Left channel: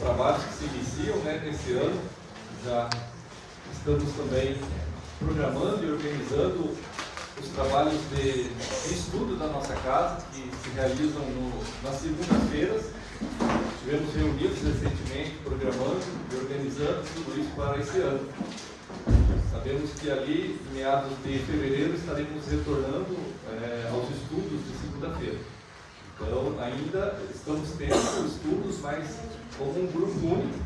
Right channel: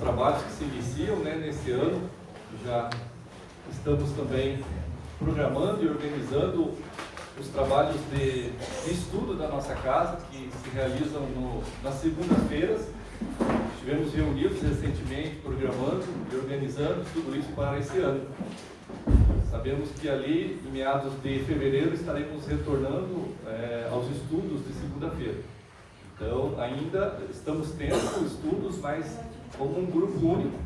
trabalhos que se iniciam, né, nesse ano. Já estamos também programando e organizando os trabalhos de estudo da nossa casa, que se realizam nas segundas-feiras. Tivemos reunidos recentemente, programando e organizando tudo isso para esse ano. Sabemos que ali, em meados de fevereiro, estaremos retornando aos estudos de segunda-feira. Então, ainda estamos tendo estudos, mas como um grupo único.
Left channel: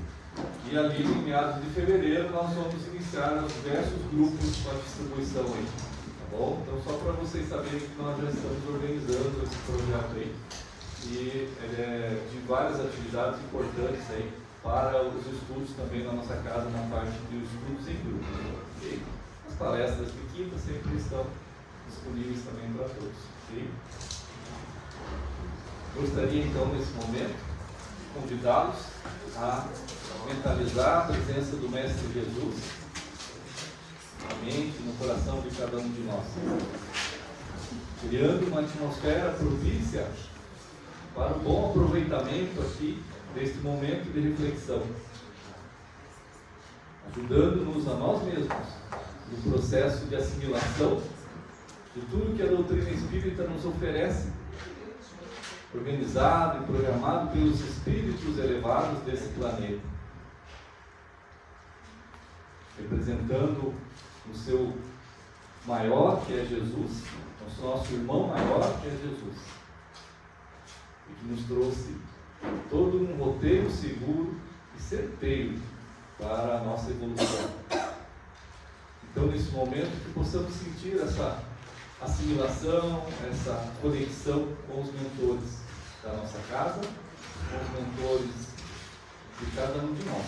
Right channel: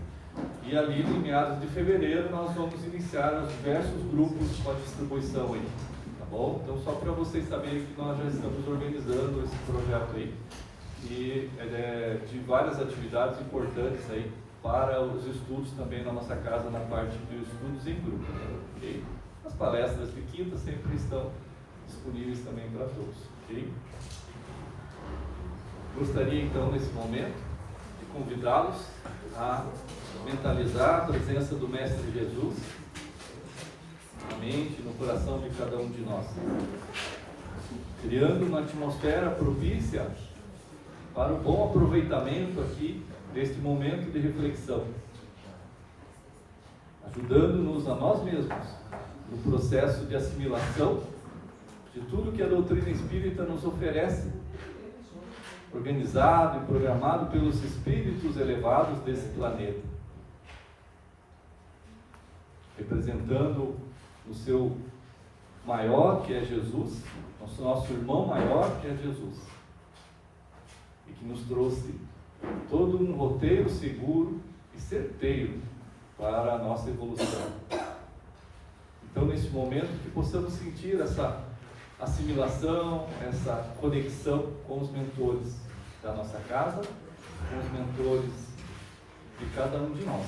E ali, em meados de fevereiro, nós vamos iniciar os diversos grupos com a distribuição aí. Tá bom? Então, só para vocês saberem que nós já estamos organizando esse projeto aí. E de várias atividades importantes aí para os estudos também na nossa casa, na parte de estudos em grupo. Okay? As palestras de quinta sempre estão disponíveis também para todos. Okay? Gostaria então, nesse momento, de convidá-los a mentalizar a presença do Mestre Jesus na mente, no coração de cada um de nós, criando uma atmosfera propícia para o bom aproveitamento aqui deste momento de reflexão, ajudando-nos a nós mesmos no processo de assimilação de tudo que a doutrina espírita nos oferece, organizado e programado pelos espíritos elevados desse planeta, representando o seu maior, que é Jesus, o nosso irmão maior, que é Jesus, e que nos trouxe todo um roteiro seguro e certeiro para a nossa evolução. Então, nesse momento, que possamos sentir essa assimilação, essa conexão com os mentores da nossa casa, com os mentores de cada um de nós.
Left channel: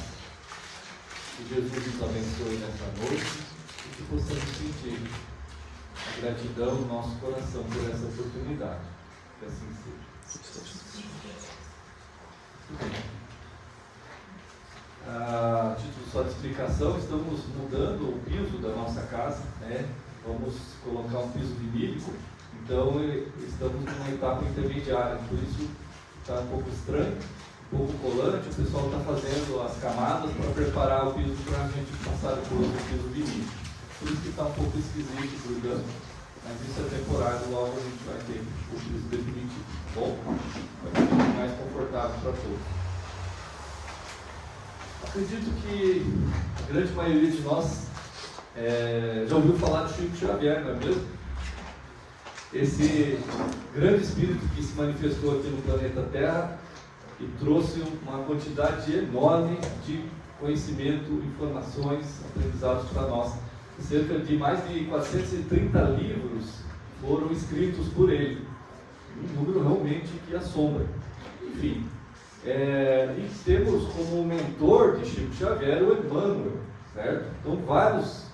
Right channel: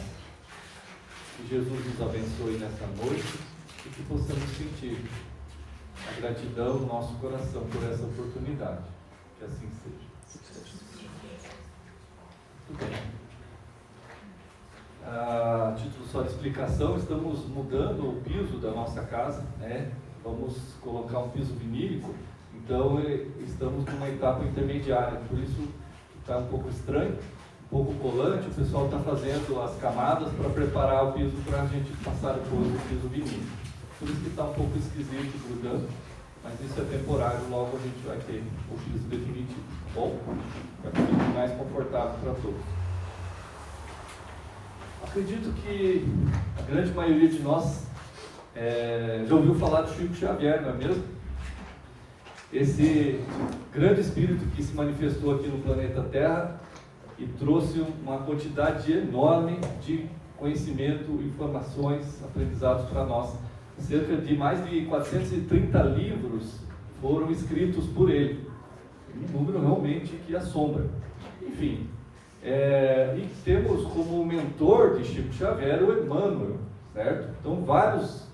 Que Jesus nos abençoe nessa noite e que possamos sentir a gratidão no nosso coração por essa oportunidade. Que assim seja. Muito bem. A título só de explicação, estamos mudando o piso da nossa casa, né? Vamos colocar um piso vinílico, então estamos numa etapa intermediária, por isso está um pouco estranho, um pouco colante, o pessoal está fazendo as camadas para preparar o piso para a gente passar o piso vinílico. Por isso que está um pouco esquisito, grudando, mas isso é temporário, logo a gente vai ter o piso definitivo, tá bom? Vai ser mais confortável para todos. Acredito que a grande maioria de nós já ouviu falar de Chico Xavier, não é mesmo? Esse grande espírito que se manifestou aqui no planeta Terra e trouxe uma quantidade enorme de conhecimento, informações, aprendizados para nós. Cerca de mais de 430 livros foram escritos por ele. Um número realmente que assombra. Enfim, e temos como mentor de Chico Xavier o Emmanuel, certo? Então, vários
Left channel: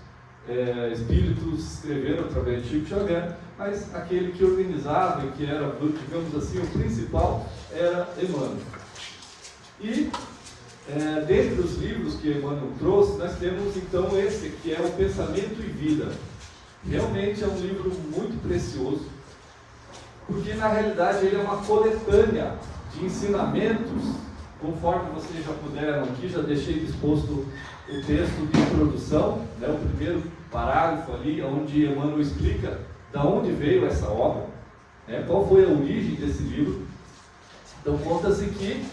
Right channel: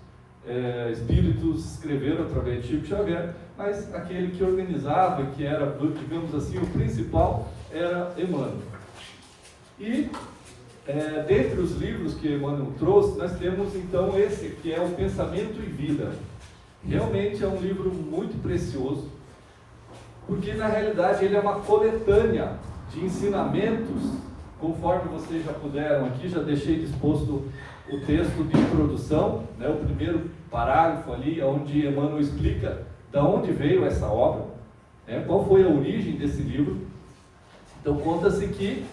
espíritos escreveram através de Chico Xavier, mas aquele que organizava e que era, digamos assim, o principal era Emmanuel. E dentre os livros que Emmanuel trouxe, nós temos então esse que é o Pensamento e Vida. Realmente é um livro muito precioso, porque na realidade ele é uma coletânea de ensinamentos, conforme vocês já puderam aqui, já deixei disposto o texto de introdução, né, o primeiro parágrafo ali, onde Emmanuel explica de onde veio essa obra, qual foi a origem desse livro. Então conta-se que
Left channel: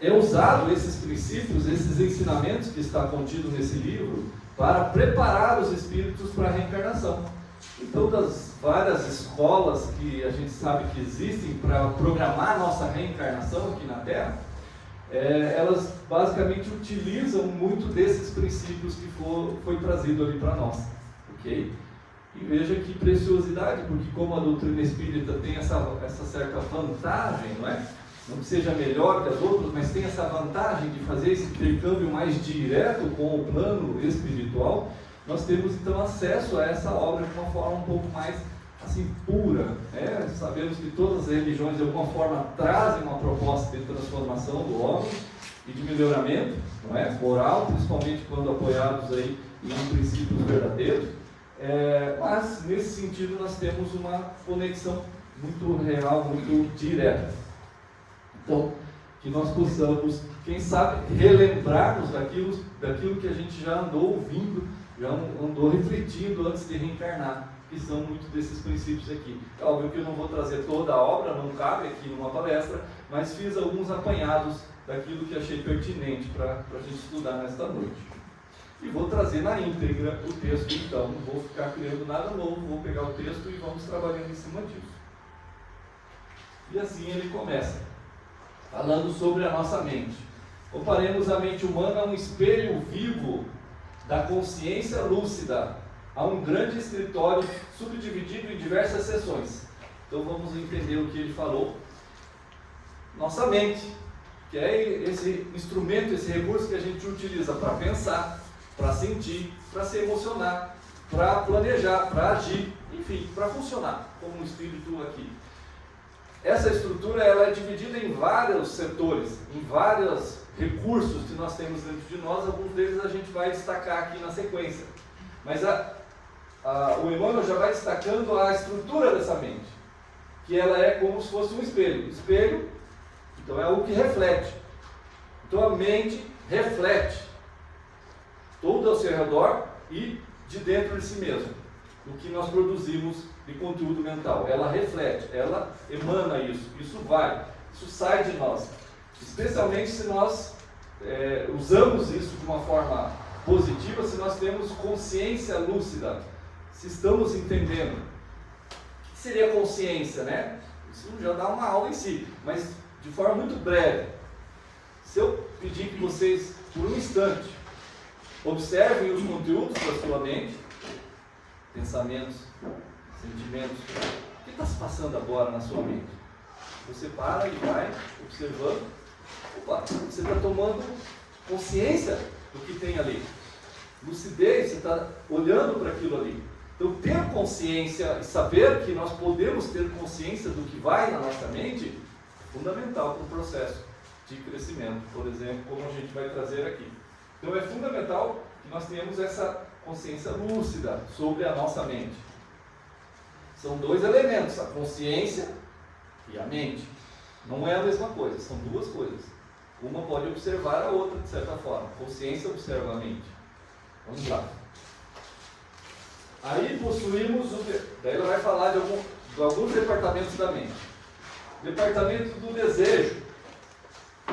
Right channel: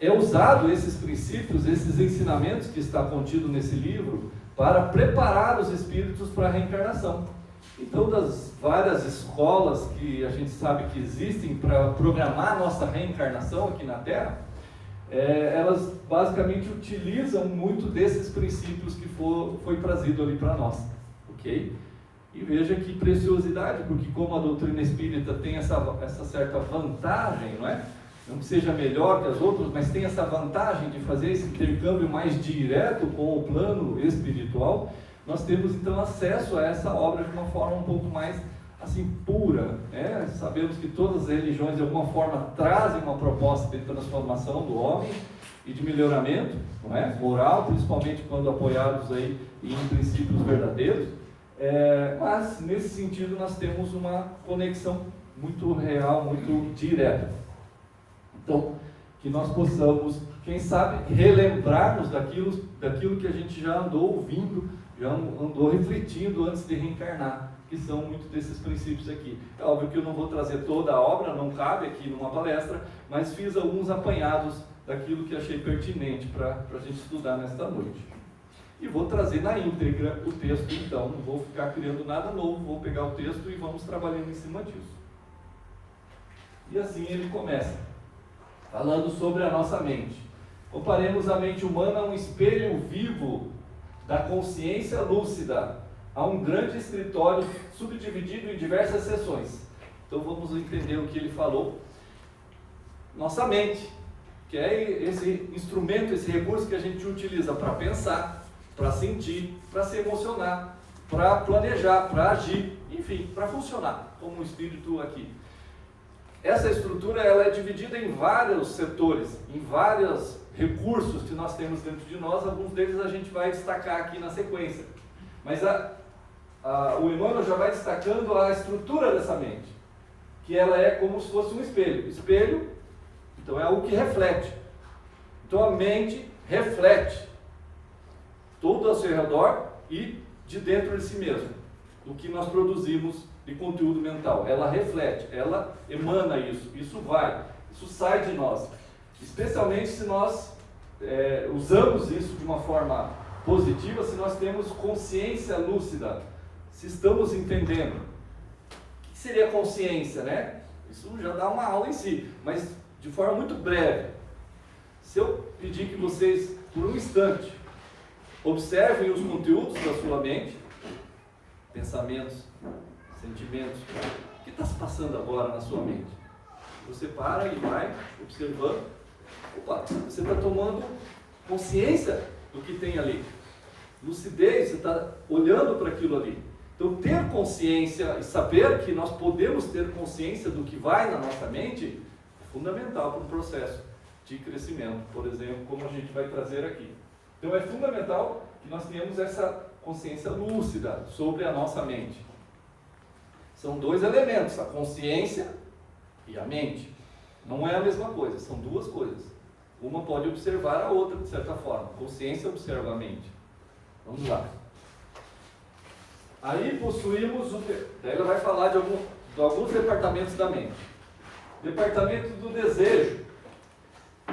é usado esses princípios, esses ensinamentos que está contido nesse livro, para preparar os espíritos para a reencarnação. Então, das várias escolas que a gente sabe que existem para programar a nossa reencarnação aqui na Terra, elas basicamente utilizam muito desses princípios que foi trazido ali para nós, ok? E veja que preciosidade, porque como a doutrina espírita tem essa certa vantagem, não é? Não que seja melhor que as outras, mas tem essa vantagem de fazer esse intercâmbio mais direto com o plano espiritual. Nós temos então acesso a essa obra de uma forma um pouco mais assim pura, né? Sabemos que todas as religiões de alguma forma trazem uma proposta de transformação do homem e de melhoramento, não é? Moral, principalmente quando apoiados aí em princípios verdadeiros, mas nesse sentido nós temos uma conexão muito real, muito direta. Então, que nós possamos, quem sabe, relembrarmos daquilo que a gente já andou ouvindo, já andou refletindo antes de reencarnar, que são muitos desses princípios aqui. É óbvio que eu não vou trazer toda a obra, não cabe aqui numa palestra, mas fiz alguns apanhados daquilo que achei pertinente para a gente estudar nesta noite. E vou trazer na íntegra o texto, então, não vou ficar criando nada novo, vou pegar o texto e vamos trabalhando em cima disso. E assim ele começa, falando sobre a nossa mente. Comparemos a mente humana a um espelho vivo da consciência lúcida, a um grande escritório subdividido em diversas seções. Então vamos entender o que ele falou. Nossa mente, que é esse instrumento, esse recurso que a gente utiliza para pensar, para sentir, para se emocionar, para planejar, para agir, enfim, para funcionar como um espírito aqui. Essa estrutura ela é dividida em vários setores, em vários recursos que nós temos dentro de nós. Alguns deles a gente vai destacar aqui na sequência. Mas o Emmanuel já vai destacando a estrutura dessa mente, que ela é como se fosse um espelho. Espelho, então, é algo que reflete. Então a mente reflete tudo ao seu redor e de dentro de si mesmo, o que nós produzimos de conteúdo mental. Ela reflete, ela emana isso sai de nós. Especialmente se nós usamos isso de uma forma positiva, se nós temos consciência lúcida, se estamos entendendo. O que seria consciência, né? Isso já dá uma aula em si, mas de forma muito breve. Se eu pedir que vocês, por um instante, observem os conteúdos da sua mente, pensamentos, sentimentos, o que está se passando agora na sua mente? Você para e vai observando. Opa, você está tomando consciência do que tem ali. Lucidez, você está olhando para aquilo ali. Então, ter consciência e saber que nós podemos ter consciência do que vai na nossa mente é fundamental para o processo de crescimento, por exemplo, como a gente vai trazer aqui. Então, é fundamental que nós tenhamos essa consciência lúcida sobre a nossa mente. São dois elementos, a consciência e a mente. Não é a mesma coisa, são duas coisas. Uma pode observar a outra, de certa forma. A consciência observa a mente. Vamos lá. Aí possuímos, daí ela vai falar de alguns departamentos da mente. Departamento do desejo,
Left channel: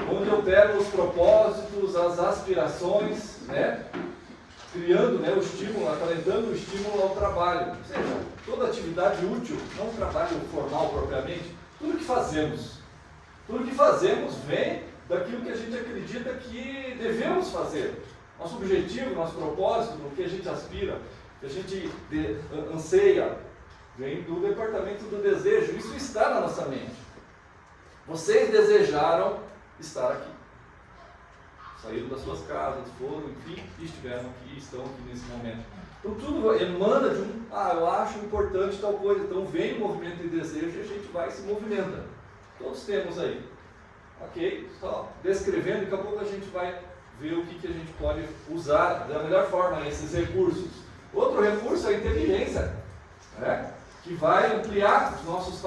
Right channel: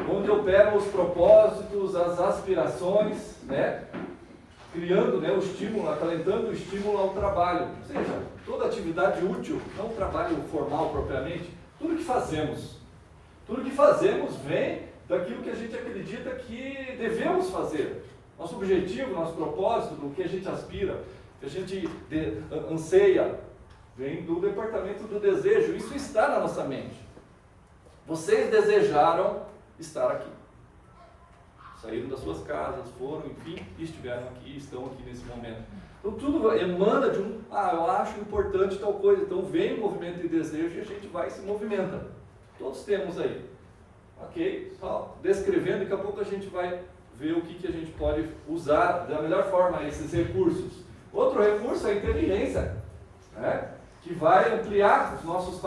onde operam os propósitos, as aspirações, né? Criando, né, o estímulo, acalentando o estímulo ao trabalho. Ou seja, toda atividade útil, não um trabalho formal propriamente, tudo que fazemos vem daquilo que a gente acredita que devemos fazer. Nosso objetivo, nosso propósito, do que a gente aspira, que a gente anseia, vem do departamento do desejo. Isso está na nossa mente. Vocês desejaram estar aqui. Saíram das suas casas, foram, enfim, estiveram aqui, estão aqui nesse momento. Então tudo emana de eu acho importante tal coisa. Então vem o movimento de desejo e a gente vai e se movimenta. Todos temos aí. Ok? Só descrevendo, daqui a pouco a gente vai ver o que a gente pode usar da melhor forma esses recursos. Outro recurso é a inteligência, né? Que vai ampliar os nossos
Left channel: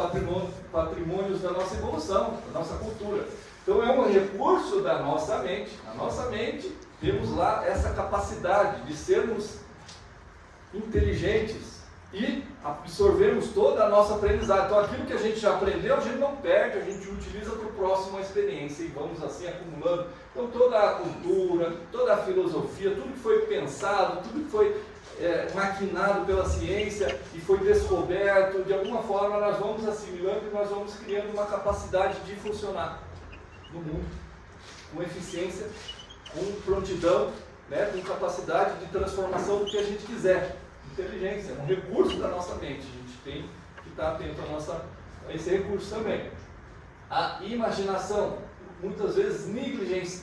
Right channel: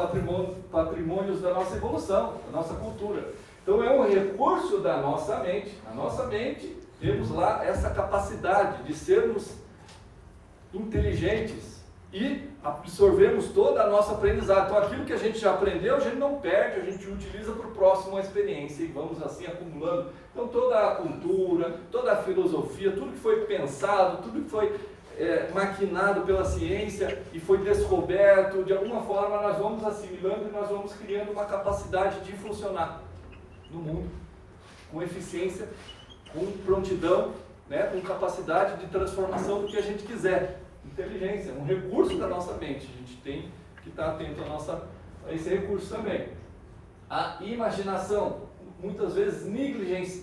patrimônios da nossa evolução, da nossa cultura. Então é um recurso da nossa mente. A nossa mente, temos lá essa capacidade de sermos inteligentes e absorvemos toda a nossa aprendizagem. Então aquilo que a gente já aprendeu, a gente não perde, a gente utiliza para o próximo a experiência e vamos assim acumulando. Então toda a cultura, toda a filosofia, tudo que foi pensado, tudo que foi maquinado pela ciência e foi descoberto, de alguma forma nós vamos assimilando e nós vamos criando uma capacidade de funcionar no mundo, com eficiência, com prontidão, né, com capacidade de transformação do que a gente quiser. Inteligência, é um recurso da nossa mente, a gente tem que estar atento a esse recurso também. A imaginação, muitas vezes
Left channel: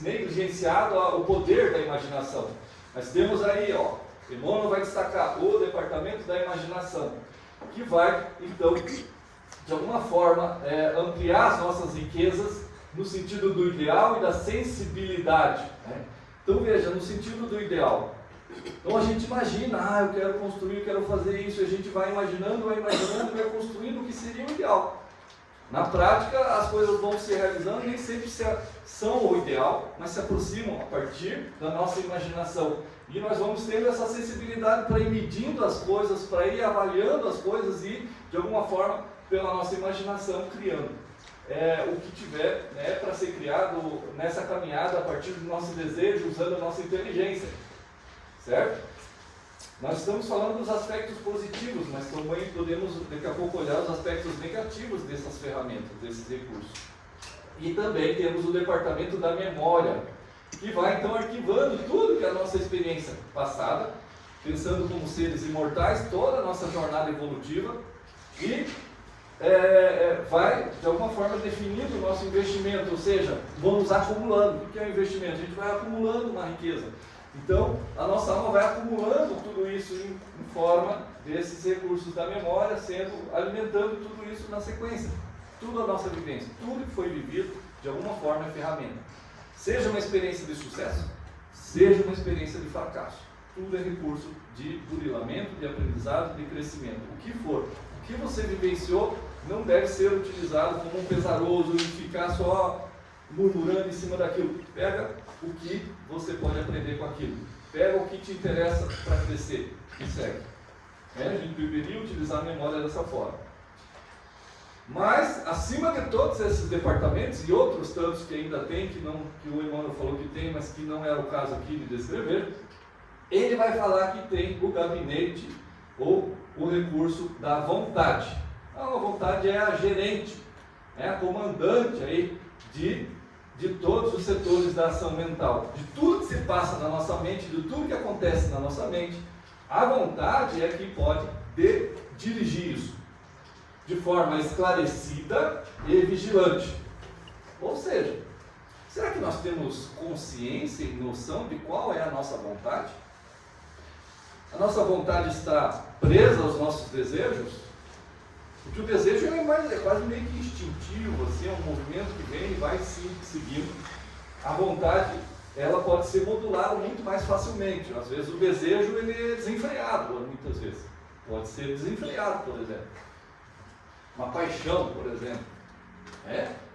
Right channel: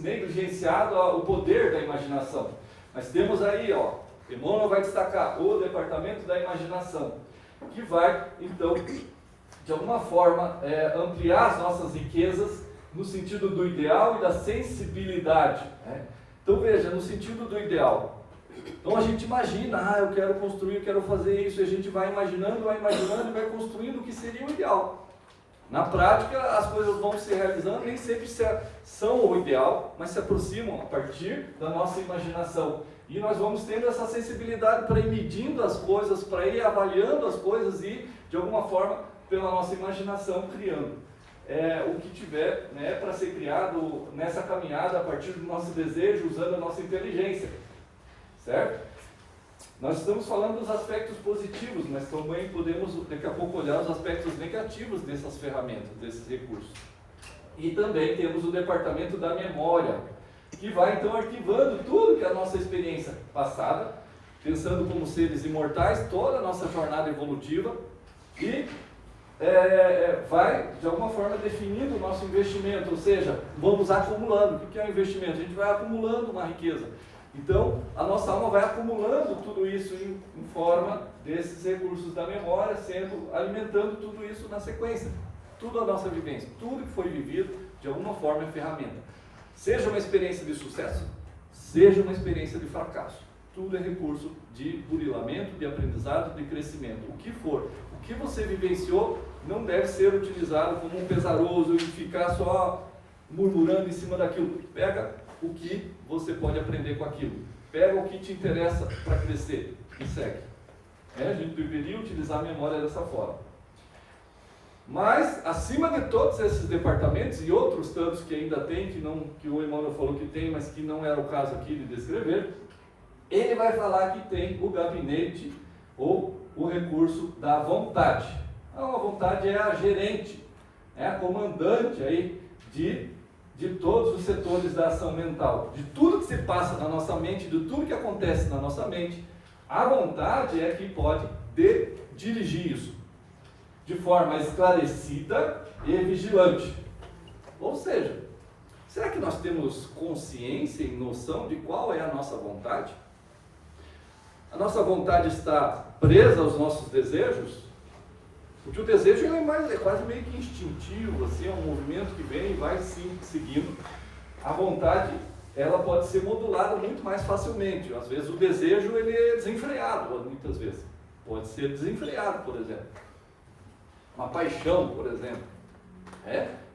negligenciado o poder da imaginação, mas temos aí, Emmanuel vai destacar o departamento da imaginação, que vai, então, de alguma forma, ampliar as nossas riquezas no sentido do ideal e da sensibilidade, né? Então veja, no sentido do ideal, então a gente imagina, eu quero construir, eu quero fazer isso, e a gente vai imaginando, vai construindo o que seria o ideal. Na prática, as coisas vão se realizando, nem sempre são o ideal, mas se aproximam a partir da nossa imaginação. E nós vamos tendo essa sensibilidade para ir medindo as coisas, para ir avaliando as coisas e, de alguma forma, pela nossa imaginação, criando o que tiver, né, para ser criado nessa caminhada a partir do nosso desejo, usando a nossa inteligência. Certo? Nós estamos falando dos aspectos positivos, mas também podemos daqui a pouco olhar os aspectos negativos dessas ferramentas, desses recursos. E também temos o departamento da memória, que vai então arquivando tudo que é a nossa experiência passada, pensando como seres imortais, toda a nossa jornada evolutiva, e vai de alguma forma definindo o nosso investimento, ou seja, vamos acumulando. O que é o investimento? A gente vai acumulando uma riqueza. Então, a nossa alma vai acumulando tudo isso em forma desses recursos da memória, alimentando tudo isso na sequência. Tudo a nossa vivência, tudo que foi vivido, de alguma forma é ferramenta. Seja uma experiência de sucesso, seja uma experiência de fracasso. Tudo é recurso de burilamento, de aprendizado, de crescimento. O que for, o que você vivenciou não deve ser utilizado como um pesaroso e ficar só murmurando em cima daquilo. Pega o que você pode aprender com aquilo. Pega o que te interessa para crescer e segue. A gente deveria utilizar a memória dessa forma. Mas, acima de todos esses departamentos e outros tantos que ainda tem, que o Emmanuel falou que tem, mas que não era o caso aqui de descrever, ele vai falar que tem o gabinete ou o recurso da vontade. A vontade é a gerente, é a comandante aí de todos os setores da ação mental, de tudo que se passa na nossa mente, de tudo que acontece na nossa mente. A vontade é que pode dirigir isso de forma esclarecida e vigilante. Ou seja, será que nós temos consciência e noção de qual é a nossa vontade? A nossa vontade está presa aos nossos desejos? Porque o desejo é quase meio que instintivo, assim, é um movimento que vem e vai seguindo. A vontade, ela pode ser modulada muito mais facilmente. Às vezes o desejo ele é desenfreado, muitas vezes. Pode ser desenfreado, por exemplo. Uma paixão, por exemplo.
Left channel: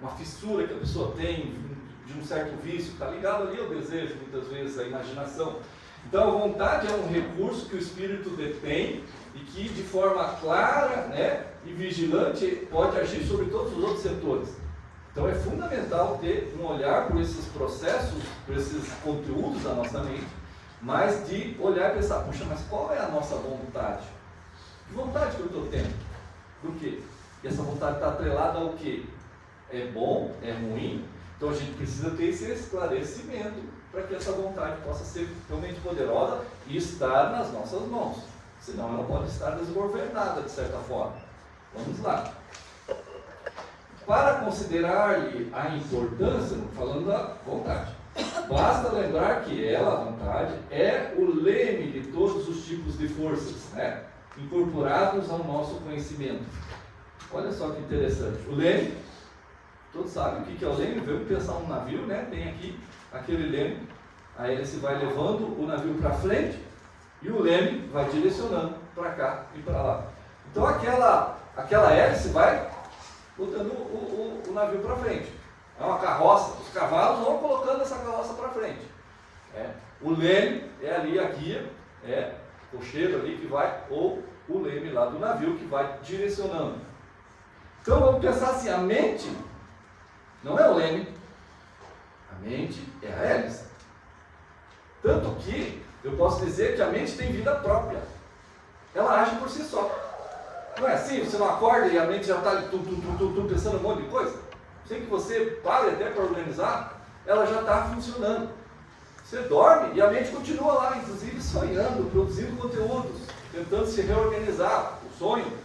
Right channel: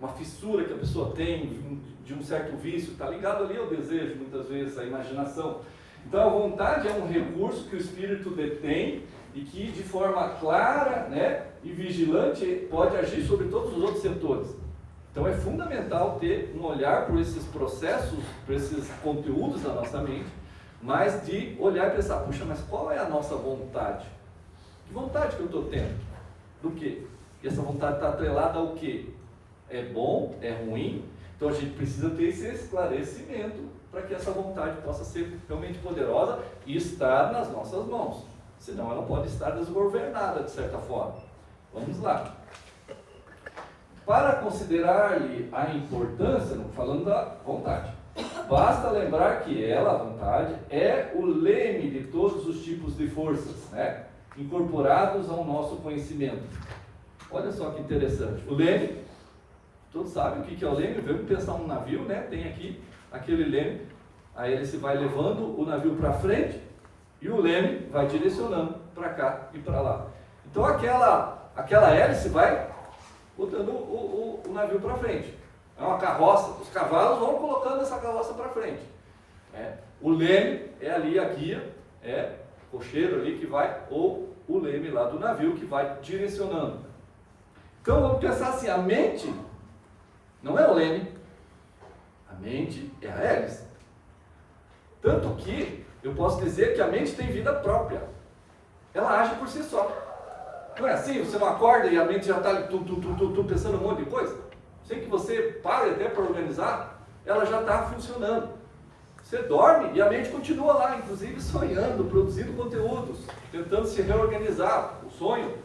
Uma fissura que a pessoa tem de um certo vício, está ligado ali ao desejo, muitas vezes, à imaginação. Então a vontade é um recurso que o espírito detém e que de forma clara, né, e vigilante pode agir sobre todos os outros setores. Então é fundamental ter um olhar por esses processos, por esses conteúdos da nossa mente, mas de olhar e pensar, puxa, mas qual é a nossa vontade? Que vontade que eu estou tendo? Do quê? E essa vontade está atrelada ao quê? É bom? É ruim? Então a gente precisa ter esse esclarecimento para que essa vontade possa ser realmente poderosa e estar nas nossas mãos. Senão ela pode estar desgovernada de certa forma. Vamos lá. Para considerar-lhe a importância, falando da vontade, basta lembrar que ela, a vontade, é o leme de todos os tipos de forças, né, incorporados ao nosso conhecimento. Olha só que interessante. O leme, todos sabem o que é o leme. Vamos pensar um navio, né? Tem aqui aquele leme, a hélice vai levando o navio para frente e o leme vai direcionando para cá e para lá. Então aquela hélice vai botando o navio para frente. É uma carroça, os cavalos vão colocando essa carroça para frente. O leme é ali a guia, o cocheiro ali que vai, ou o leme lá do navio que vai direcionando. Então vamos pensar assim, a mente não é o leme, a mente é a hélice. Tanto que eu posso dizer que a mente tem vida própria. Ela age por si só. Não é assim? Você não acorda e a mente já está pensando um monte de coisa? Sem que você pare até para organizar, ela já está funcionando. Você dorme e a mente continua lá, inclusive sonhando, produzindo conteúdos, tentando se reorganizar, o sonho.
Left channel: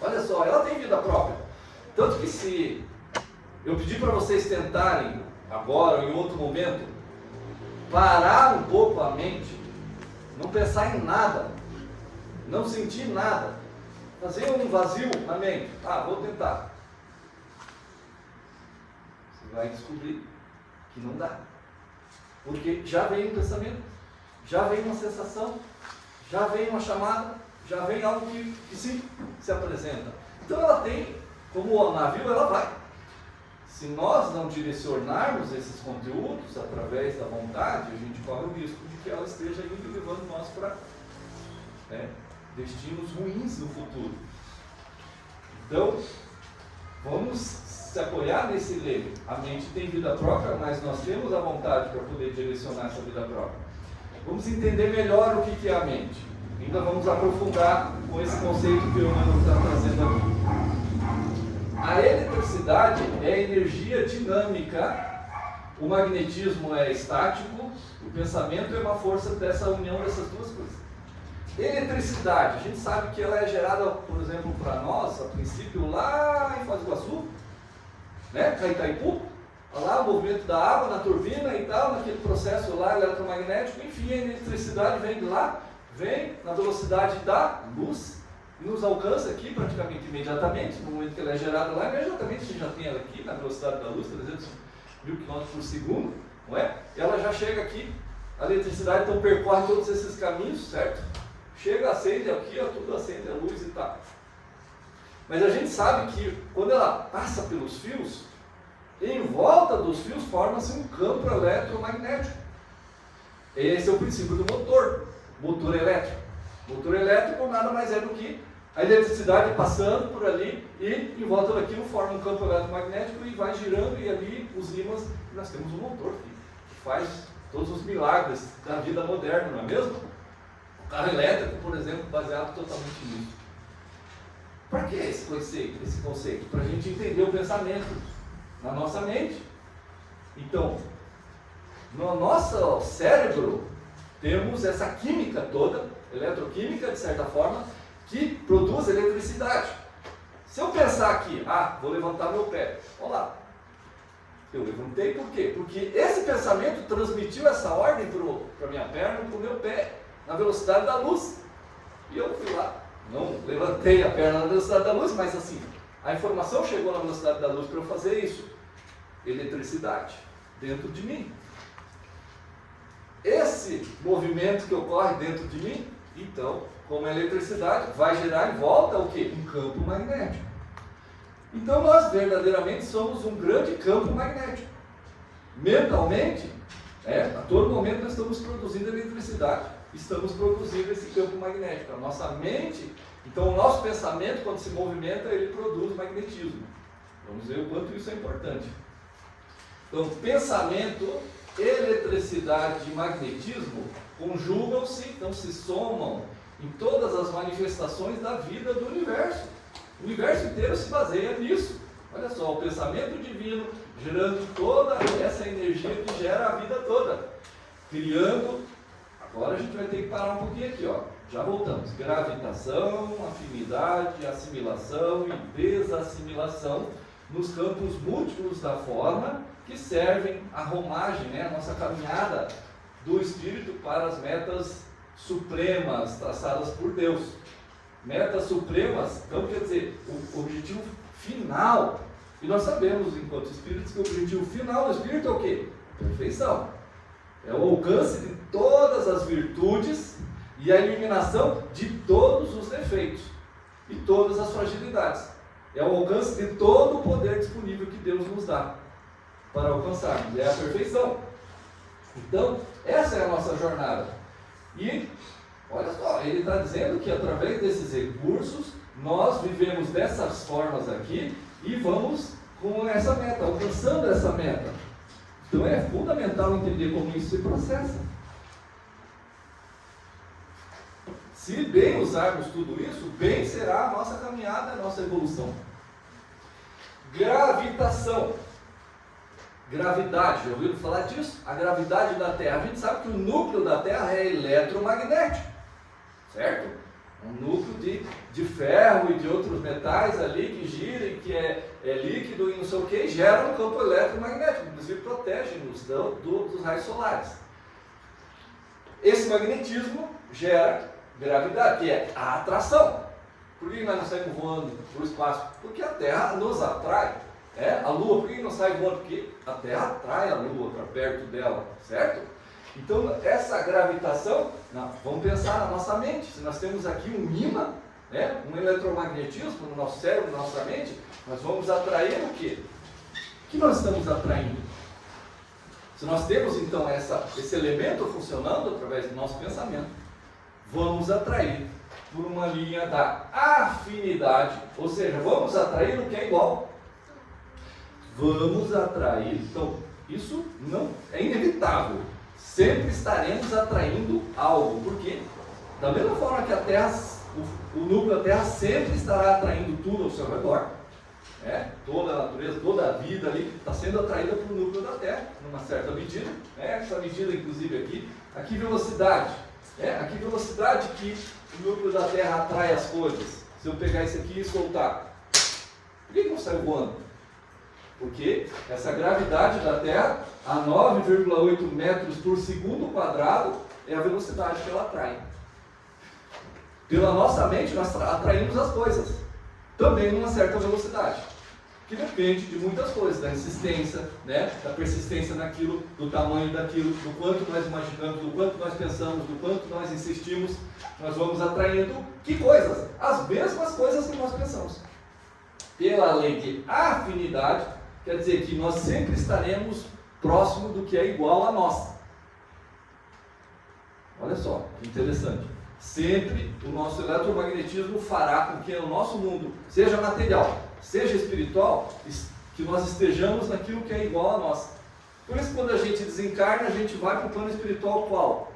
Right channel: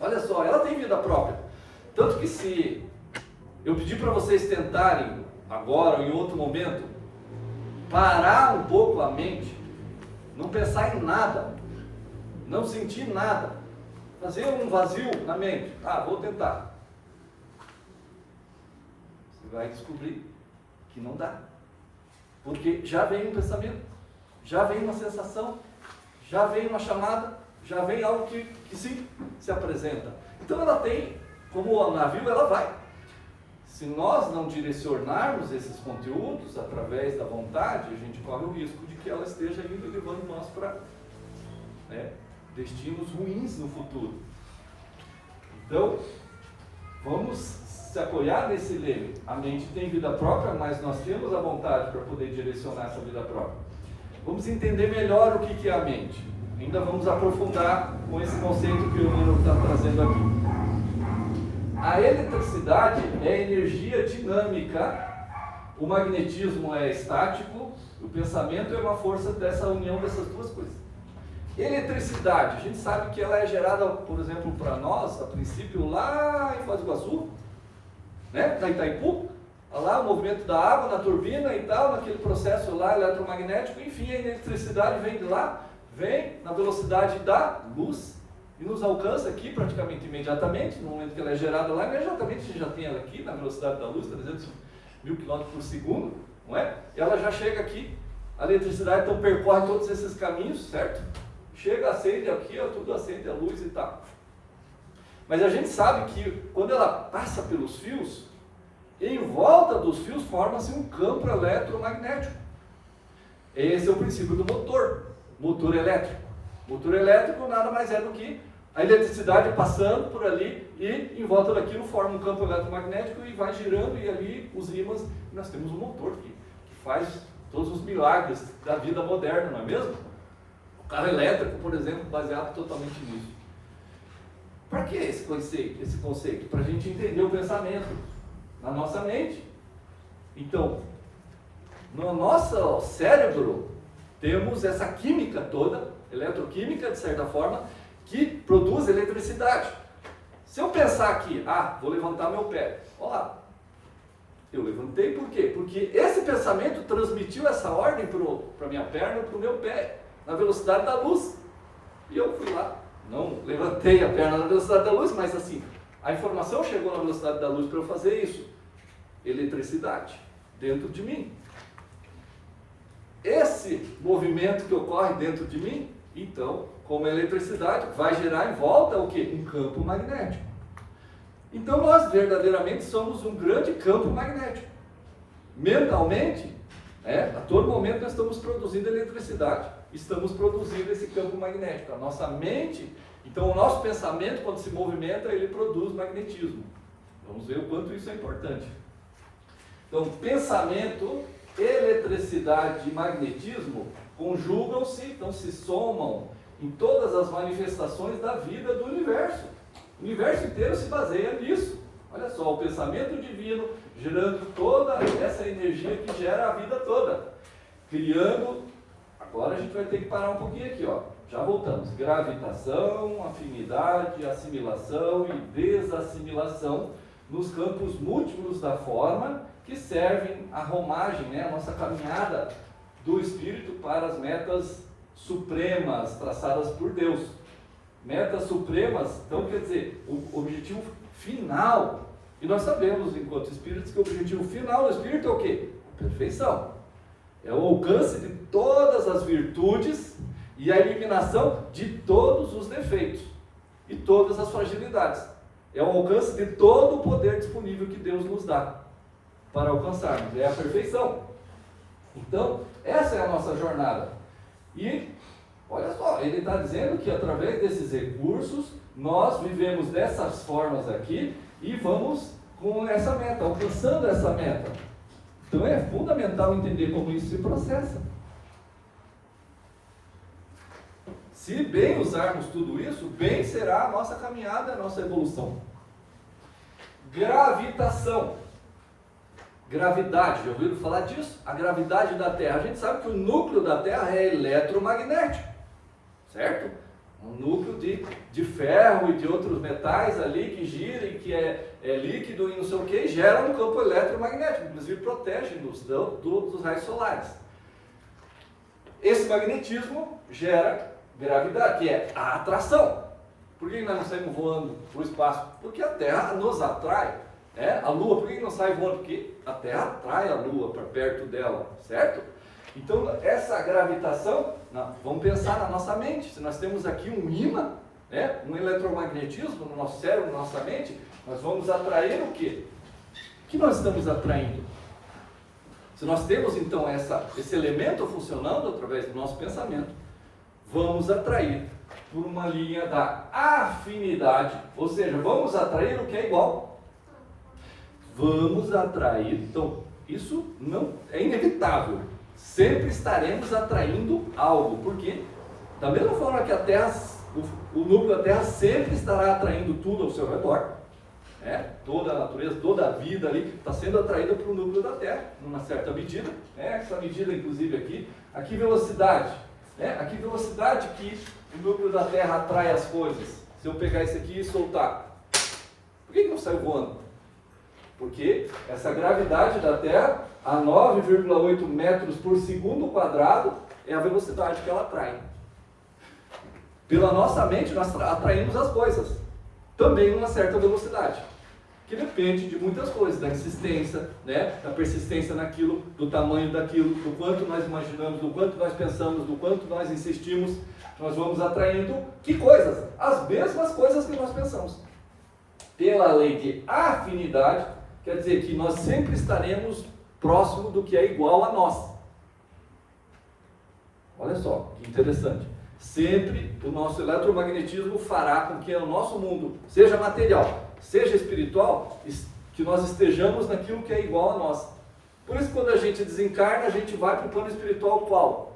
Olha só, ela tem vida própria. Tanto que se eu pedir para vocês tentarem, agora ou em outro momento, parar um pouco a mente, não pensar em nada, não sentir nada, fazer um vazio na mente. Vou tentar. Você vai descobrir que não dá. Porque já vem um pensamento, já vem uma sensação, já vem uma chamada, já vem algo que sim se apresenta. Então ela tem como o navio, ela vai. Se nós não direcionarmos esses conteúdos através da vontade, a gente corre o risco de que ela esteja indo e levando nós para destinos ruins no futuro. Então, vamos se apoiar nesse leme. A mente tem vida própria, mas nós temos a vontade para poder direcionar essa vida própria. Vamos entender melhor o que é a mente. Ainda vamos aprofundar com esse conceito que o Emmanuel está trazendo aqui. A eletricidade é energia dinâmica, o magnetismo é estático, o pensamento é uma força dessa união dessas duas coisas. Eletricidade, a gente sabe que ela é gerada, por exemplo, para nós, a princípio, lá em Foz do Iguaçu, né, na Itaipu, lá o movimento da água na turbina e tal, naquele processo lá eletromagnético, enfim, a eletricidade vem de lá, vem na velocidade da luz e nos alcança aqui praticamente imediatamente, no momento que ela é gerada lá, imediatamente a gente já tem ela aqui na velocidade da luz, 300 mil km por segundo, não é? E ela já chega aqui, a eletricidade então percorre todos esses caminhos, certo? Chega, acende aqui, ó, tudo acende a luz e tal. Mas a gente sabe que quando ela passa pelos fios, em volta dos fios forma-se um campo eletromagnético. Esse é o princípio do motor elétrico. Motor elétrico nada mais é do que a eletricidade passando por ali e em volta daquilo forma um campo eletromagnético e vai girando e ali os ímãs, nós temos um motor que faz todos os milagres da vida moderna, não é mesmo? O carro elétrico, por exemplo, baseado totalmente nisso. Para que esse conceito? Para a gente entender o pensamento na nossa mente. Então, no nosso cérebro, temos essa química toda, eletroquímica, de certa forma, que produz eletricidade. Se eu pensar aqui, vou levantar meu pé, olha lá, eu levantei por quê? Porque esse pensamento transmitiu essa ordem para a minha perna e para o meu pé, na velocidade da luz. E eu fui lá, não levantei a perna na velocidade da luz, mas assim, a informação chegou na velocidade da luz para eu fazer isso. Eletricidade dentro de mim. Esse movimento que ocorre dentro de mim, então, como eletricidade, vai gerar em volta o quê? Um campo magnético. Então nós verdadeiramente somos um grande campo magnético. Mentalmente, a todo momento nós estamos produzindo eletricidade, estamos produzindo esse campo magnético. A nossa mente, então o nosso pensamento, quando se movimenta, ele produz magnetismo. Vamos ver o quanto isso é importante. Então, pensamento, eletricidade e magnetismo conjugam-se, então se somam em todas as manifestações da vida do universo. O universo inteiro se baseia nisso. Olha só, o pensamento divino gerando toda essa energia que gera a vida toda. Criando, agora a gente vai ter que parar um pouquinho aqui, ó. Já voltamos. Gravitação, afinidade, assimilação e desassimilação nos campos múltiplos da forma que servem à romagem, a nossa caminhada do espírito para as metas supremas traçadas por Deus. Metas supremas, então quer dizer, o objetivo final, e nós sabemos enquanto espíritos que o objetivo final do espírito é o quê? Perfeição. É o alcance de todas as virtudes e a eliminação de todos os defeitos e todas as fragilidades. É o alcance de todo o poder disponível que Deus nos dá para alcançarmos. É a perfeição. Então, essa é a nossa jornada. E, olha só, ele está dizendo que através desses recursos, nós vivemos dessas formas aqui e vamos com essa meta, alcançando essa meta. Então é fundamental entender como isso se processa. Se bem usarmos tudo isso, bem será a nossa caminhada, a nossa evolução. Gravitação. Gravidade, já ouviram falar disso? A gravidade da Terra. A gente sabe que o núcleo da Terra é eletromagnético, certo? Um núcleo de ferro e de outros metais ali que gira e que é líquido e não sei o que, e gera um campo eletromagnético, inclusive protege-nos dos raios solares. Esse magnetismo gera gravidade, que é a atração. Por que nós não saímos voando para o espaço? Porque a Terra nos atrai. A Lua, por que não sai voando? Porque a Terra atrai a Lua para perto dela, certo? Então, essa gravitação, vamos pensar na nossa mente. Se nós temos aqui um ímã, né? Um eletromagnetismo no nosso cérebro, na nossa mente, nós vamos atrair o quê? O que nós estamos atraindo? Se nós temos então esse elemento funcionando através do nosso pensamento, vamos atrair por uma linha da afinidade, ou seja, vamos atrair o que é igual. Vamos atrair, então isso não é inevitável, sempre estaremos atraindo algo, porque da mesma forma que a Terra, o núcleo da Terra sempre estará atraindo tudo ao seu redor, né? Toda a natureza, toda a vida ali está sendo atraída para o núcleo da Terra, numa certa medida, né? Essa medida inclusive aqui velocidade, né? Aqui velocidade que o núcleo da Terra atrai as coisas. Se eu pegar esse aqui e soltar, por que não saiu voando? Porque essa gravidade da Terra, a 9,8 metros por segundo quadrado, é a velocidade que ela atrai. Pela nossa mente, nós atraímos as coisas, também numa certa velocidade, que depende de muitas coisas, da insistência, né? Da persistência naquilo, do tamanho daquilo, do quanto nós imaginamos, do quanto nós pensamos, do quanto nós insistimos. Nós vamos atraindo que coisas? As mesmas coisas que nós pensamos. Pela lei de afinidade, quer dizer que nós sempre estaremos próximo do que é igual a nós. Olha só, que interessante. Sempre o nosso eletromagnetismo fará com que o nosso mundo, seja material, seja espiritual, que nós estejamos naquilo que é igual a nós. Por isso, quando a gente desencarna, a gente vai para o plano espiritual qual?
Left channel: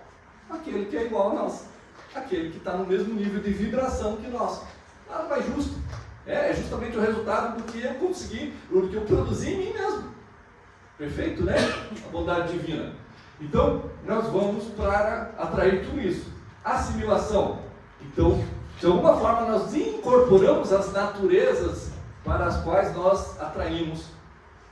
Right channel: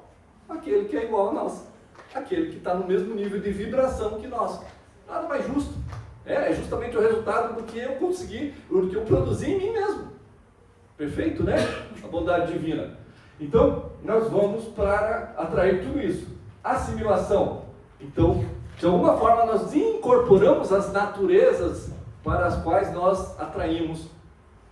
Aquele que é igual a nós. Aquele que está no mesmo nível de vibração que nós. Nada mais justo. É justamente o resultado do que eu consegui, do que eu produzi em mim mesmo. Perfeito, né? A bondade divina. Então, nós vamos para atrair tudo isso. Assimilação. Então, de alguma forma, nós incorporamos as naturezas para as quais nós atraímos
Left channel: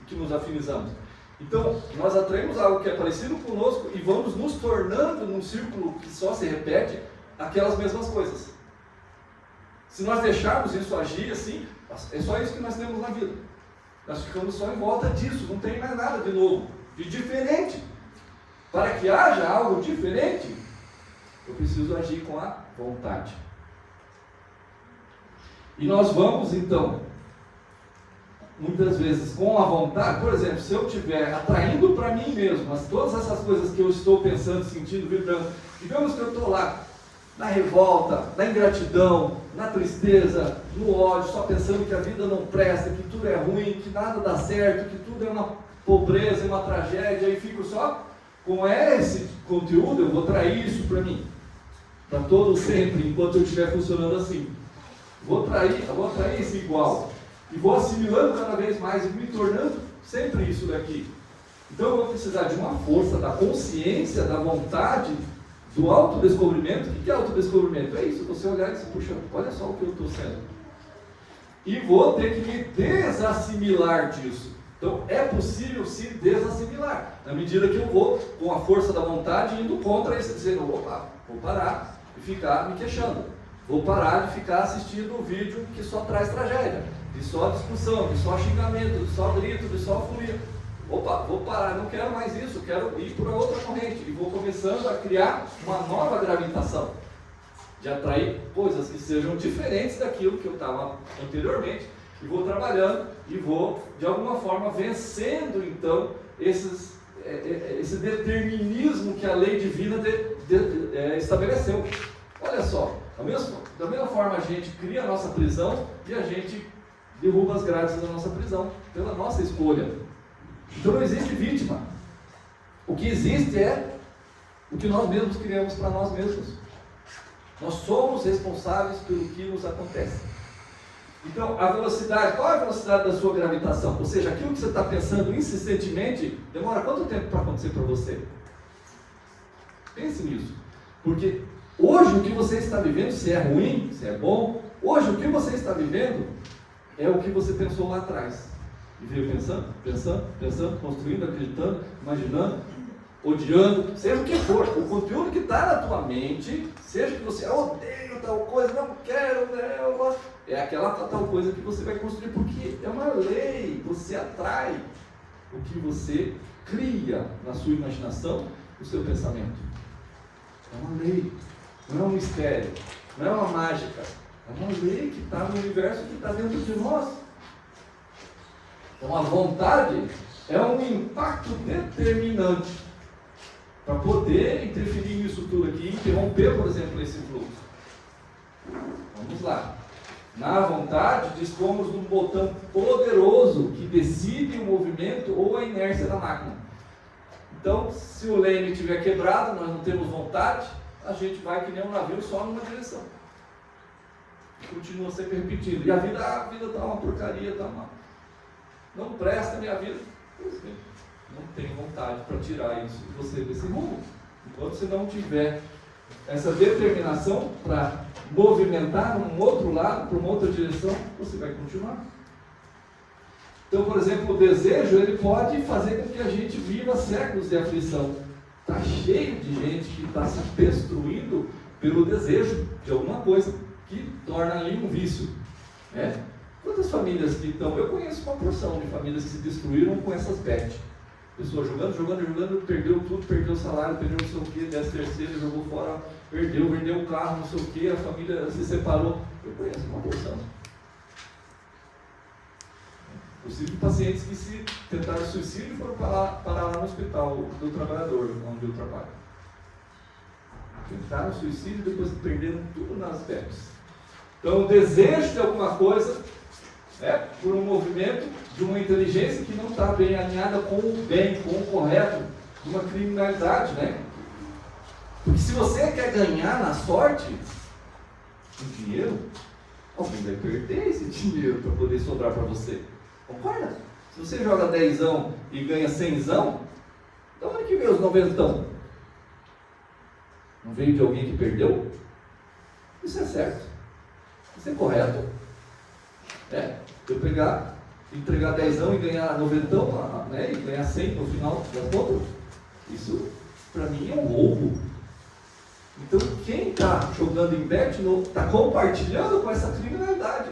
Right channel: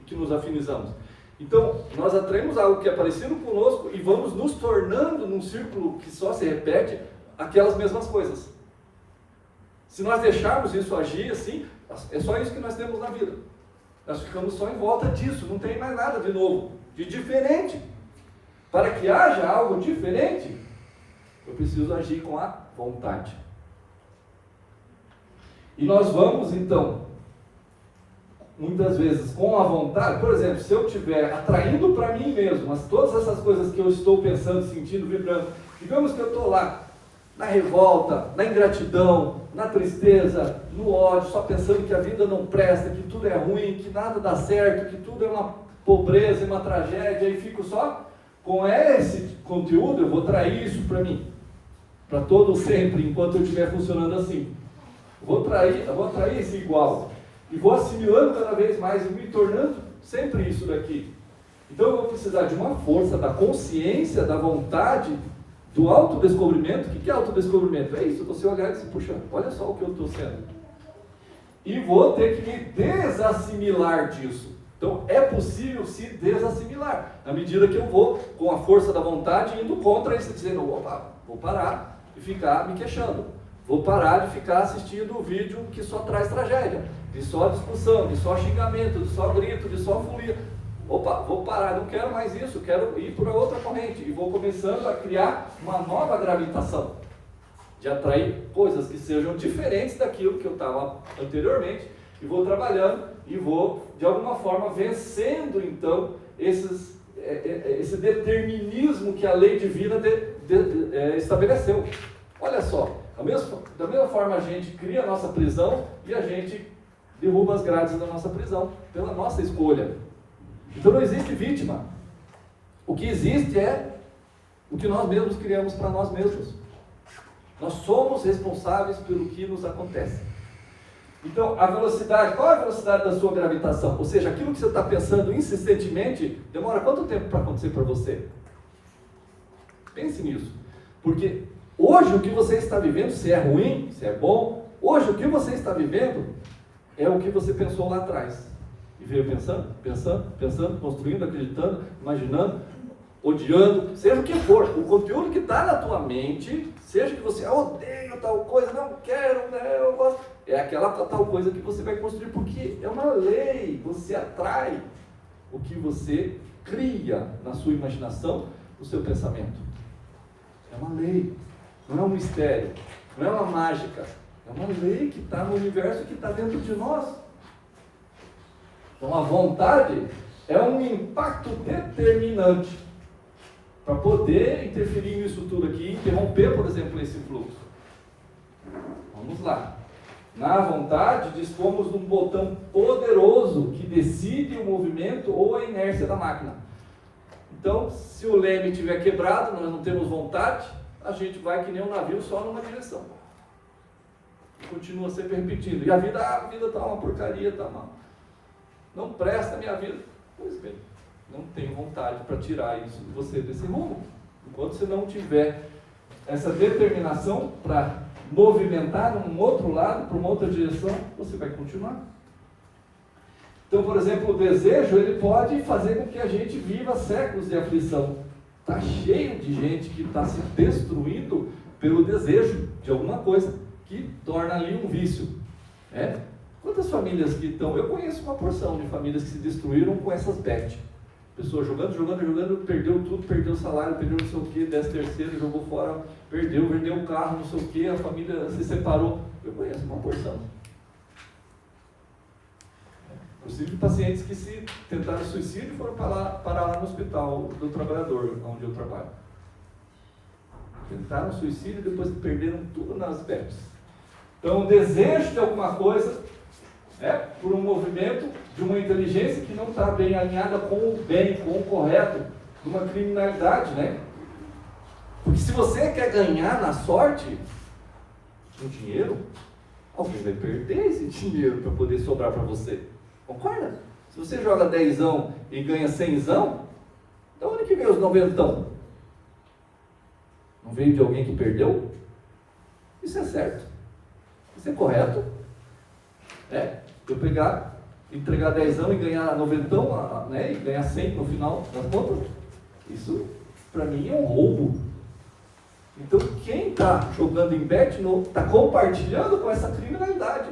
e que nos afinizamos. Então, nós atraímos algo que é parecido conosco e vamos nos tornando num círculo que só se repete aquelas mesmas coisas. Se nós deixarmos isso agir assim, é só isso que nós temos na vida. Nós ficamos só em volta disso, não tem mais nada de novo, de diferente. Para que haja algo diferente, eu preciso agir com a vontade. E nós vamos então, muitas vezes com a vontade, por exemplo, se eu estiver atraindo para mim mesmo, mas todas essas coisas que eu estou pensando, sentindo, vibrando, digamos que eu estou lá, na revolta, na ingratidão, na tristeza, no ódio, só pensando que a vida não presta, que tudo é ruim, que nada dá certo, que tudo é uma pobreza, uma tragédia, e fico só com esse conteúdo, eu vou trair isso para mim, para todo sempre, enquanto eu estiver funcionando assim. Eu vou trair esse igual, e vou assimilando cada vez mais, e me tornando sempre isso daqui. Então eu vou precisar de uma força, da consciência, da vontade, do autodescobrimento. O que é autodescobrimento? É isso, você olhar e dizer, puxa, olha só o que eu estou sendo. E vou ter que me desassimilar disso. Então é possível se desassimilar, na medida que eu vou, com a força da vontade, indo contra isso, dizendo, opa, vou parar de ficar me queixando. Vou parar de ficar assistindo um vídeo que só traz tragédia, de só discussão, de só xingamento, de só grito, de só folia. Opa, vou parar, não quero mais isso, quero ir para outra corrente. E vou começando a criar uma nova gravitação, de atrair coisas que sejam diferentes daquilo que eu estava anteriormente. E vou trabalhando e vou, de alguma forma, vencendo, então, esse determinismo que a lei divina estabeleceu. Olha só, da mesma forma a gente cria a nossa prisão e a gente derruba as grades da nossa prisão, pela nossa escolha. Então não existe vítima. O que existe é o que nós mesmos criamos para nós mesmos. Nós somos responsáveis pelo que nos acontece. Então, a velocidade, qual é a velocidade da sua gravitação? Ou seja, aquilo que você está pensando insistentemente, demora quanto tempo para acontecer para você? Pense nisso. Porque hoje o que você está vivendo, se é ruim, se é bom, hoje o que você está vivendo é o que você pensou lá atrás. E veio pensando, construindo, acreditando, imaginando, odiando, seja o que for. O conteúdo que está na tua mente, seja que você odeio tal coisa, não quero, eu gosto, é aquela tal coisa que você vai construir, porque é uma lei, você atrai o que você cria na sua imaginação, no seu pensamento. É uma lei, não é um mistério, não é uma mágica, É uma lei que está no universo, que está dentro de nós. Então a vontade é um impacto determinante para poder interferir nisso tudo aqui e interromper, por exemplo, esse fluxo. Vamos lá. Na vontade, dispomos de um botão poderoso que decide o movimento ou a inércia da máquina. Então, se o leme estiver quebrado, nós não temos vontade, a gente vai que nem um navio só numa direção. E continua sempre repetindo. E a vida está uma porcaria, está uma... Não presta a minha vida. Pois bem, não tenho vontade para tirar isso de você desse rumo. Enquanto você não tiver essa determinação para movimentar num outro lado, para uma outra direção, você vai continuar. Então, por exemplo, o desejo, ele pode fazer com que a gente viva séculos de aflição. Está cheio de gente que está se destruindo pelo desejo de alguma coisa, que torna ali um vício. Né? Quantas famílias que estão... Eu conheço uma porção de famílias que se destruíram com essas bets. Pessoa jogando, perdeu tudo, perdeu o salário, perdeu não sei o que, 10º, jogou fora, vendeu o carro, não sei o que, a família se separou. Eu conheço uma porção. Possível pacientes que se tentaram suicídio e foram parar lá no hospital do trabalhador, onde eu trabalho. Tentaram suicídio e depois perderam tudo nas bets. Então, o desejo de alguma coisa, né, por um movimento de uma inteligência que não está bem alinhada com o bem, com o correto, de uma criminalidade, né? Porque se você quer ganhar na sorte, no dinheiro, alguém vai perder esse dinheiro para poder sobrar para você. Concorda? Se você joga 10zão e ganha 100zão, de onde que veio os 90zão? Não veio de alguém que perdeu? Isso é certo. Isso é correto. Eu pegar, entregar 10zão e ganhar 90zão, né, e ganhar 100 no final das contas, isso para mim é um roubo. Então quem está jogando em bet está compartilhando com essa criminalidade.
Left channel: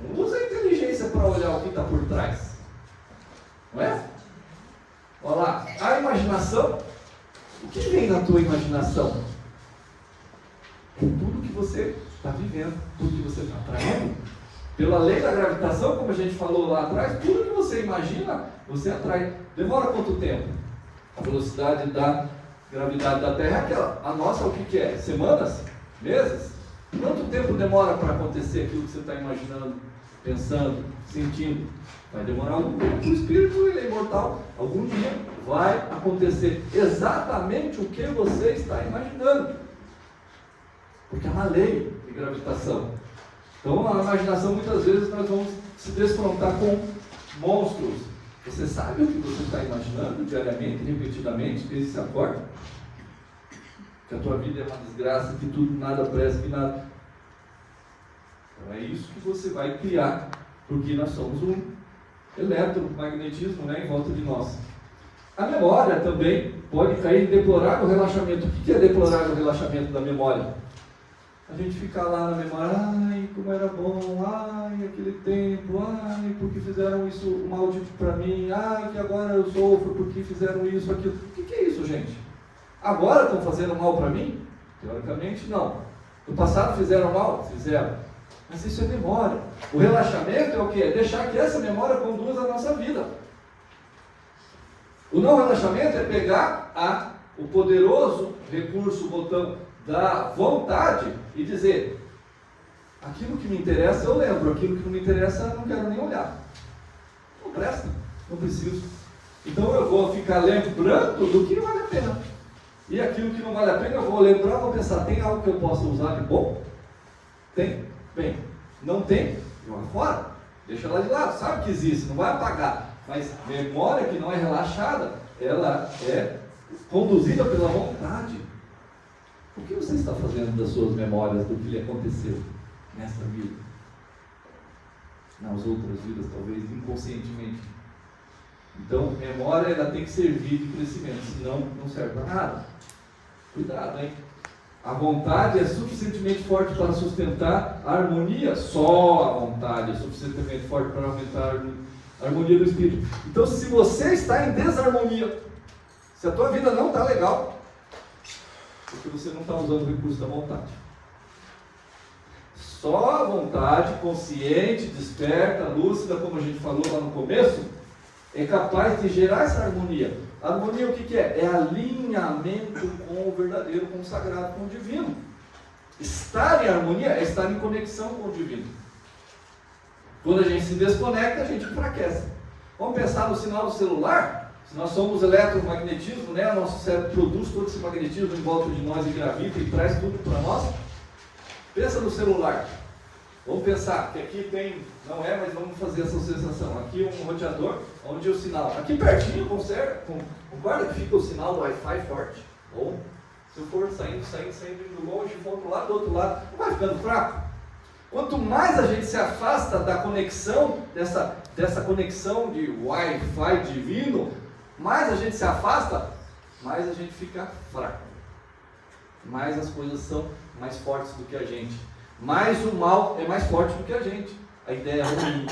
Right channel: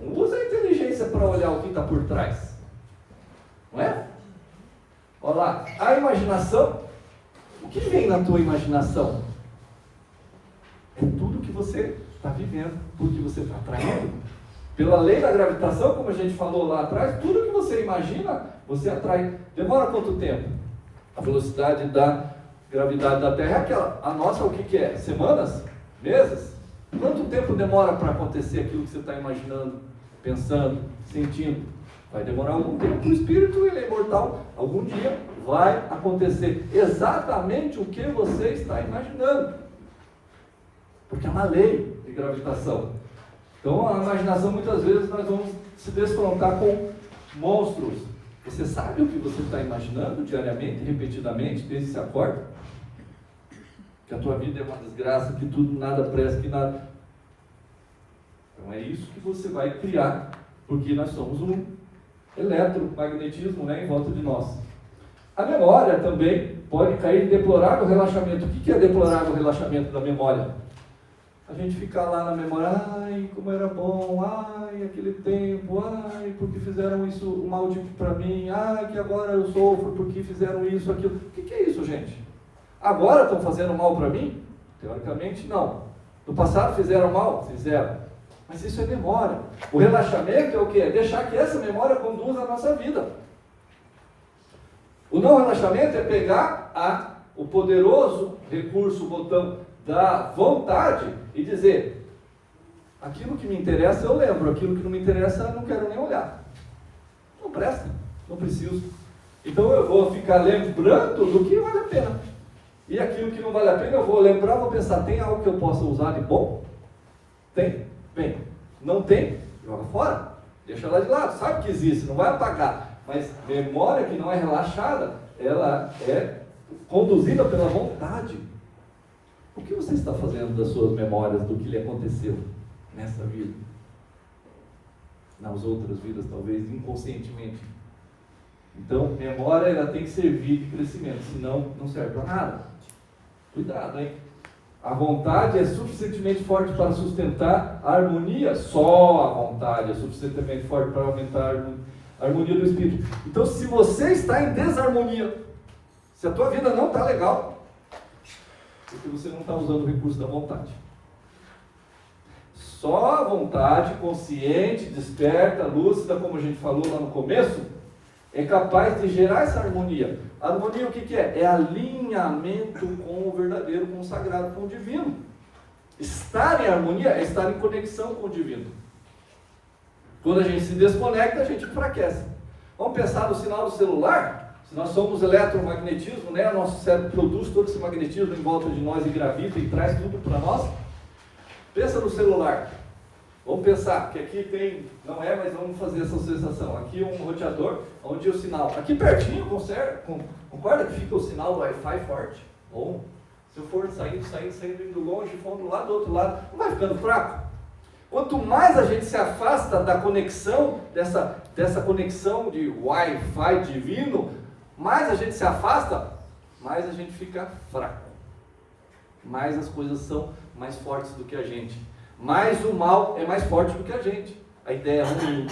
Não usa a inteligência para olhar o que está por trás. Não é? Olha lá, a imaginação. O que vem na tua imaginação? É tudo que você está vivendo, tudo que você está atraindo. Pela lei da gravitação, como a gente falou lá atrás, tudo que você imagina, você atrai. Demora quanto tempo? A velocidade da gravidade da Terra é aquela. A nossa, o que é? Semanas? Meses? Quanto tempo demora para acontecer aquilo que você está imaginando, pensando, sentindo? Vai demorar algum tempo. O espírito, ele é imortal. Algum dia vai acontecer exatamente o que você está imaginando. Porque é uma lei de gravitação. Então, a imaginação, muitas vezes, nós vamos se desfrontar com monstros. Você sabe o que você está imaginando diariamente, repetidamente, desde que você acorda? Que a tua vida é uma desgraça, que tudo, nada presta, que nada... Então, é isso que você vai criar, porque nós somos um eletromagnetismo, né, em volta de nós. A memória também pode cair em deplorável relaxamento. O que é deplorável relaxamento da memória? A gente ficar lá na memória, ai, como era bom, ai, aquele tempo, ai, porque fizeram isso, o mal para mim, ai, que agora eu sofro porque fizeram isso, aquilo. O que é isso, gente? Agora estão fazendo mal para mim? Teoricamente, não. No passado fizeram mal? Fizeram. Mas isso é memória. O relaxamento é o quê? É deixar que essa memória conduza a nossa vida. O não relaxamento é pegar o poderoso recurso, o botão da vontade e dizer: aquilo que me interessa eu lembro, aquilo que não me interessa eu não quero nem olhar. Não presta, não preciso. Então eu vou ficar lembrando do que vale a pena. E aquilo que não vale a pena eu vou lembrar, vou pensar: tem algo que eu possa usar de bom? Tem? Bem, não tem? Joga fora, deixa ela de lado, sabe que existe, não vai apagar. Mas memória que não é relaxada, ela é conduzida pela vontade. O que você está fazendo das suas memórias do que lhe aconteceu nessa vida? Nas outras vidas, talvez, inconscientemente. Então, memória ela tem que servir de crescimento, senão não serve para nada. Cuidado, hein? A vontade é suficientemente forte para sustentar a harmonia. Só a vontade é suficientemente forte para aumentar a harmonia do espírito. Então, se você está em desarmonia, se a tua vida não está legal, porque você não está usando o recurso da vontade. Só a vontade consciente, desperta, lúcida, como a gente falou lá no começo, é capaz de gerar essa harmonia. A harmonia o que é? É alinhamento com o verdadeiro, com o sagrado, com o divino. Estar em harmonia é estar em conexão com o divino. Quando a gente se desconecta, a gente enfraquece. Vamos pensar no sinal do celular? Se nós somos eletromagnetismo, né? O nosso cérebro produz todo esse magnetismo em volta de nós e gravita e traz tudo para nós. Pensa no celular. Vamos pensar que aqui tem, não é, mas vamos fazer essa sensação. Aqui um roteador, onde o sinal, aqui pertinho, concorda que fica o sinal do Wi-Fi forte? Ou se eu for saindo, indo longe, for do outro lado, não vai ficando fraco? Quanto mais a gente se afasta da conexão, dessa conexão de Wi-Fi divino, mais a gente se afasta, mais a gente fica fraco. Mais as coisas são mais fortes do que a gente. Mais o mal é mais forte do que a gente. A ideia ruim,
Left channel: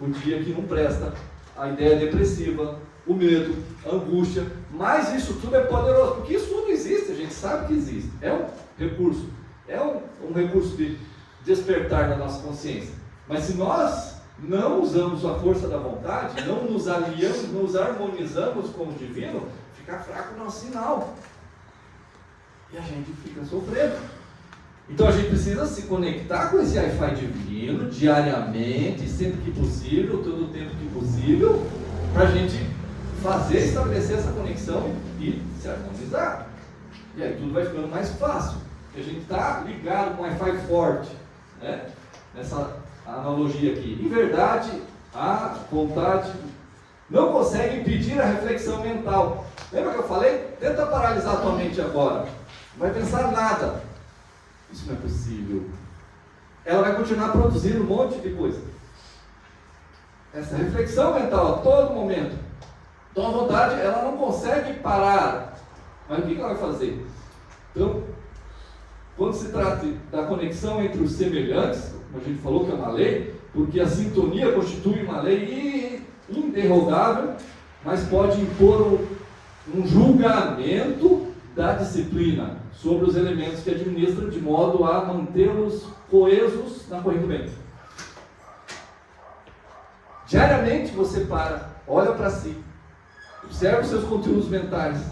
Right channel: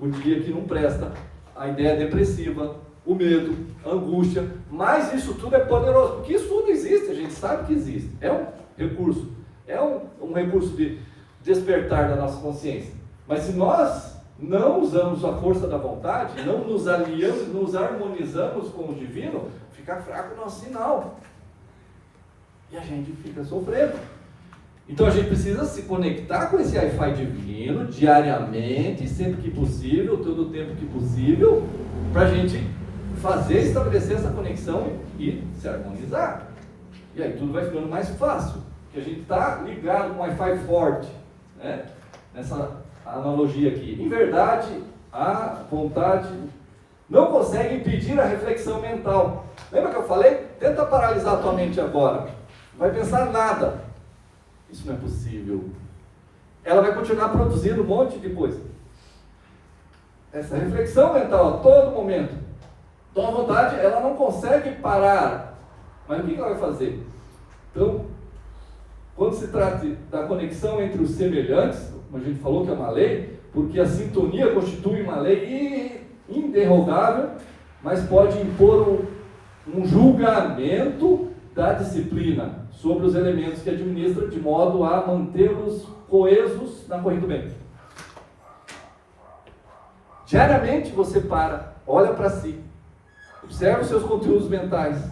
o dia que não presta, a ideia depressiva, o medo, a angústia. Mas isso tudo é poderoso, porque isso tudo existe, a gente sabe que existe. É um recurso. É um recurso de despertar na nossa consciência. Mas se nós não usamos a força da vontade, não nos aliamos, nos harmonizamos com o divino, fica fraco o nosso sinal. E a gente fica sofrendo. Então a gente precisa se conectar com esse Wi-Fi divino diariamente, sempre que possível, todo o tempo que possível, para a gente estabelecer essa conexão e se harmonizar. E aí tudo vai ficando mais fácil, porque a gente está ligado com Wi-Fi forte, né? Nessa analogia aqui. Em verdade, a vontade não consegue impedir a reflexão mental. Lembra que eu falei? Tenta paralisar a tua mente agora. Não vai pensar nada. Isso não é possível. Ela vai continuar produzindo um monte de coisa. Essa reflexão mental a todo momento. Então a vontade, ela não consegue parar. Mas o que ela vai fazer? Então, quando se trata da conexão entre os semelhantes, como a gente falou que é uma lei, porque a sintonia constitui uma lei inderrogável, mas pode impor um julgamento da disciplina sobre os elementos que administra, de modo a mantê-los coesos na corrente do bem. Diariamente você para, olha para si, observa os seus conteúdos mentais.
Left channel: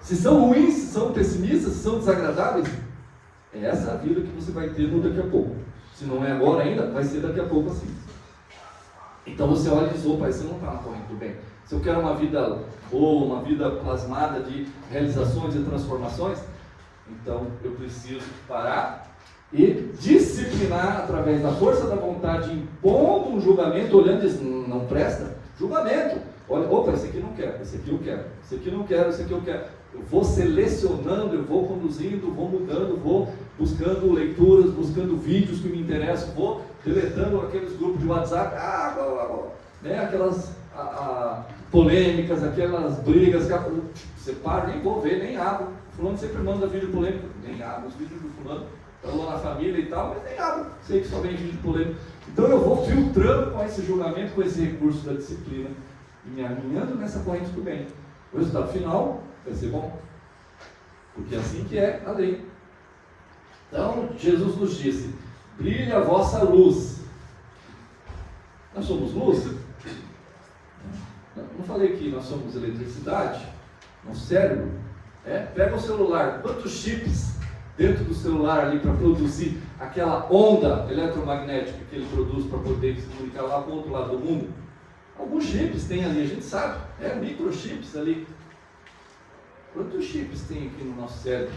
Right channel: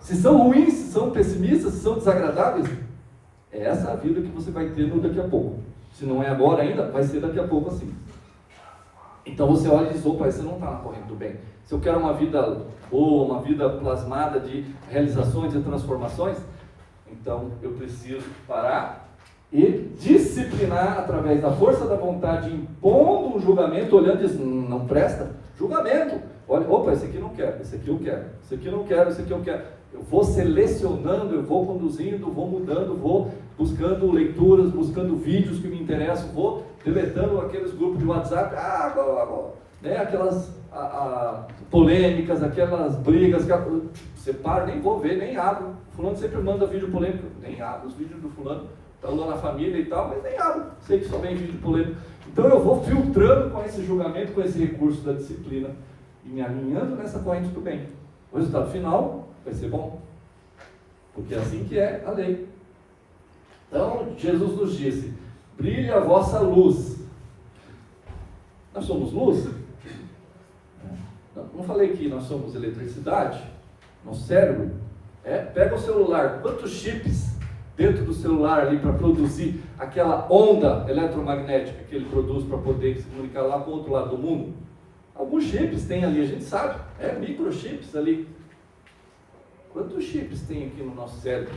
Se são ruins, se são pessimistas, se são desagradáveis, é essa a vida que você vai ter no daqui a pouco. Se não é agora ainda, vai ser daqui a pouco assim. Então você olha e diz, opa, você não está na corrente do bem. Se eu quero uma vida boa, uma vida plasmada de realizações e transformações, então eu preciso parar e disciplinar através da força da vontade, impondo um julgamento, olhando e diz, não presta? Julgamento. Olha, opa, esse aqui não quero, esse aqui eu quero, esse aqui não quero, esse aqui eu quero. Eu vou selecionando, eu vou conduzindo, vou mudando, vou buscando leituras, buscando vídeos que me interessam, vou deletando aqueles grupos de WhatsApp, né, aquelas polêmicas, aquelas brigas, separo, nem vou ver, nem abro. Fulano sempre manda vídeo polêmico, nem abro os vídeos do fulano, falou na família e tal, mas nem abro, sei que só vem vídeo polêmico. Então eu vou filtrando com esse julgamento, com esse recurso da disciplina, e me alinhando nessa corrente do bem. O resultado final vai ser bom, porque é assim que é a lei. Então Jesus nos disse, brilhe a vossa luz. Nós somos luz? Não falei que nós somos eletricidade? Nosso cérebro? Pega o celular, quantos chips dentro do celular ali para produzir aquela onda eletromagnética que ele produz para poder se comunicar lá com o outro lado do mundo? Alguns chips tem ali, a gente sabe, microchips ali. Quantos chips tem aqui no nosso cérebro?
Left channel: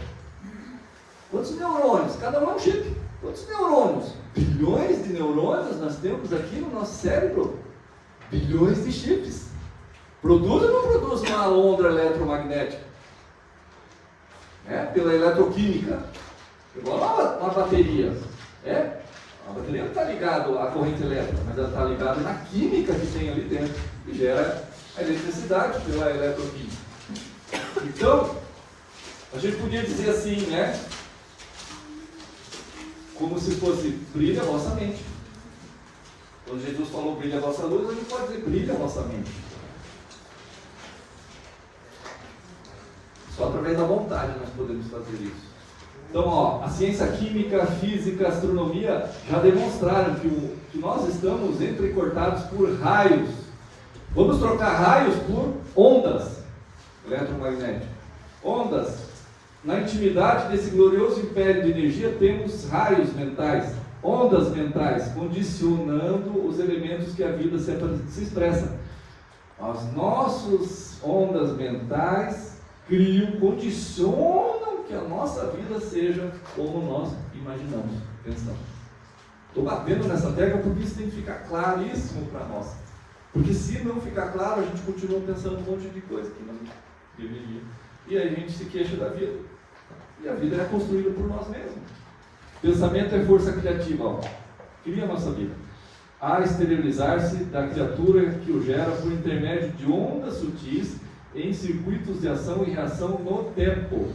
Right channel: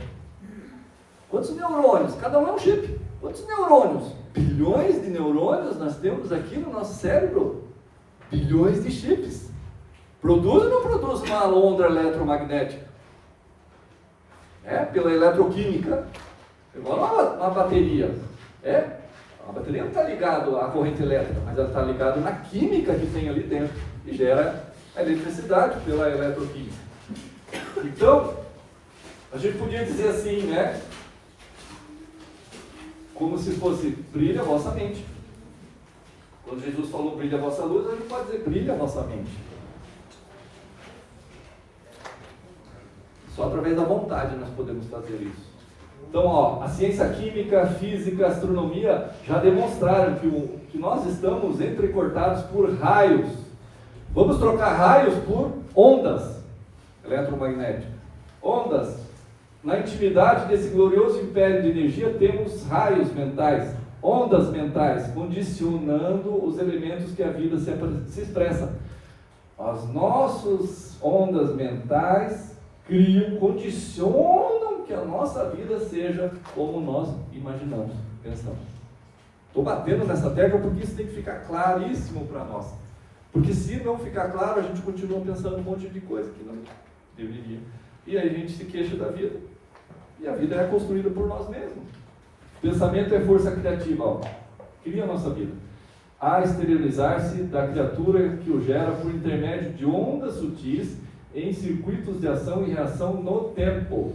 Quantos neurônios? Cada um é um chip. Quantos neurônios? Bilhões de neurônios nós temos aqui no nosso cérebro. Bilhões de chips. Produz ou não produz uma onda eletromagnética? Pela eletroquímica. Igual uma bateria. A bateria não está ligada à corrente elétrica, mas ela está ligada na química que tem ali dentro, que gera a eletricidade pela eletroquímica. Então, a gente podia dizer assim, né? Como se fosse, brilha a vossa mente. Quando Jesus falou brilha a vossa luz, a gente pode dizer brilha a vossa mente. Só através da vontade nós podemos fazer isso. Então, ó, a ciência química, a física, a astronomia já demonstraram que nós estamos entrecortados por raios. Vamos trocar raios por ondas eletromagnéticas. Ondas. Na intimidade desse glorioso império de energia, temos raios mentais, ondas mentais, condicionando os elementos que a vida se expressa. As nossas ondas mentais criam, condicionam que a nossa vida seja como nós imaginamos, pensamos. Estou batendo nessa tecla porque isso tem que ficar claríssimo para nós. Porque se não ficar claro, a gente continua pensando um monte de coisa que não deveria. E aí a gente se queixa da vida. E a vida é construída por nós mesmos. Pensamento é força criativa, ó. Cria a nossa vida. A exteriorizar-se da criatura que o gera por intermédio de ondas sutis em circuitos de ação e reação no tempo.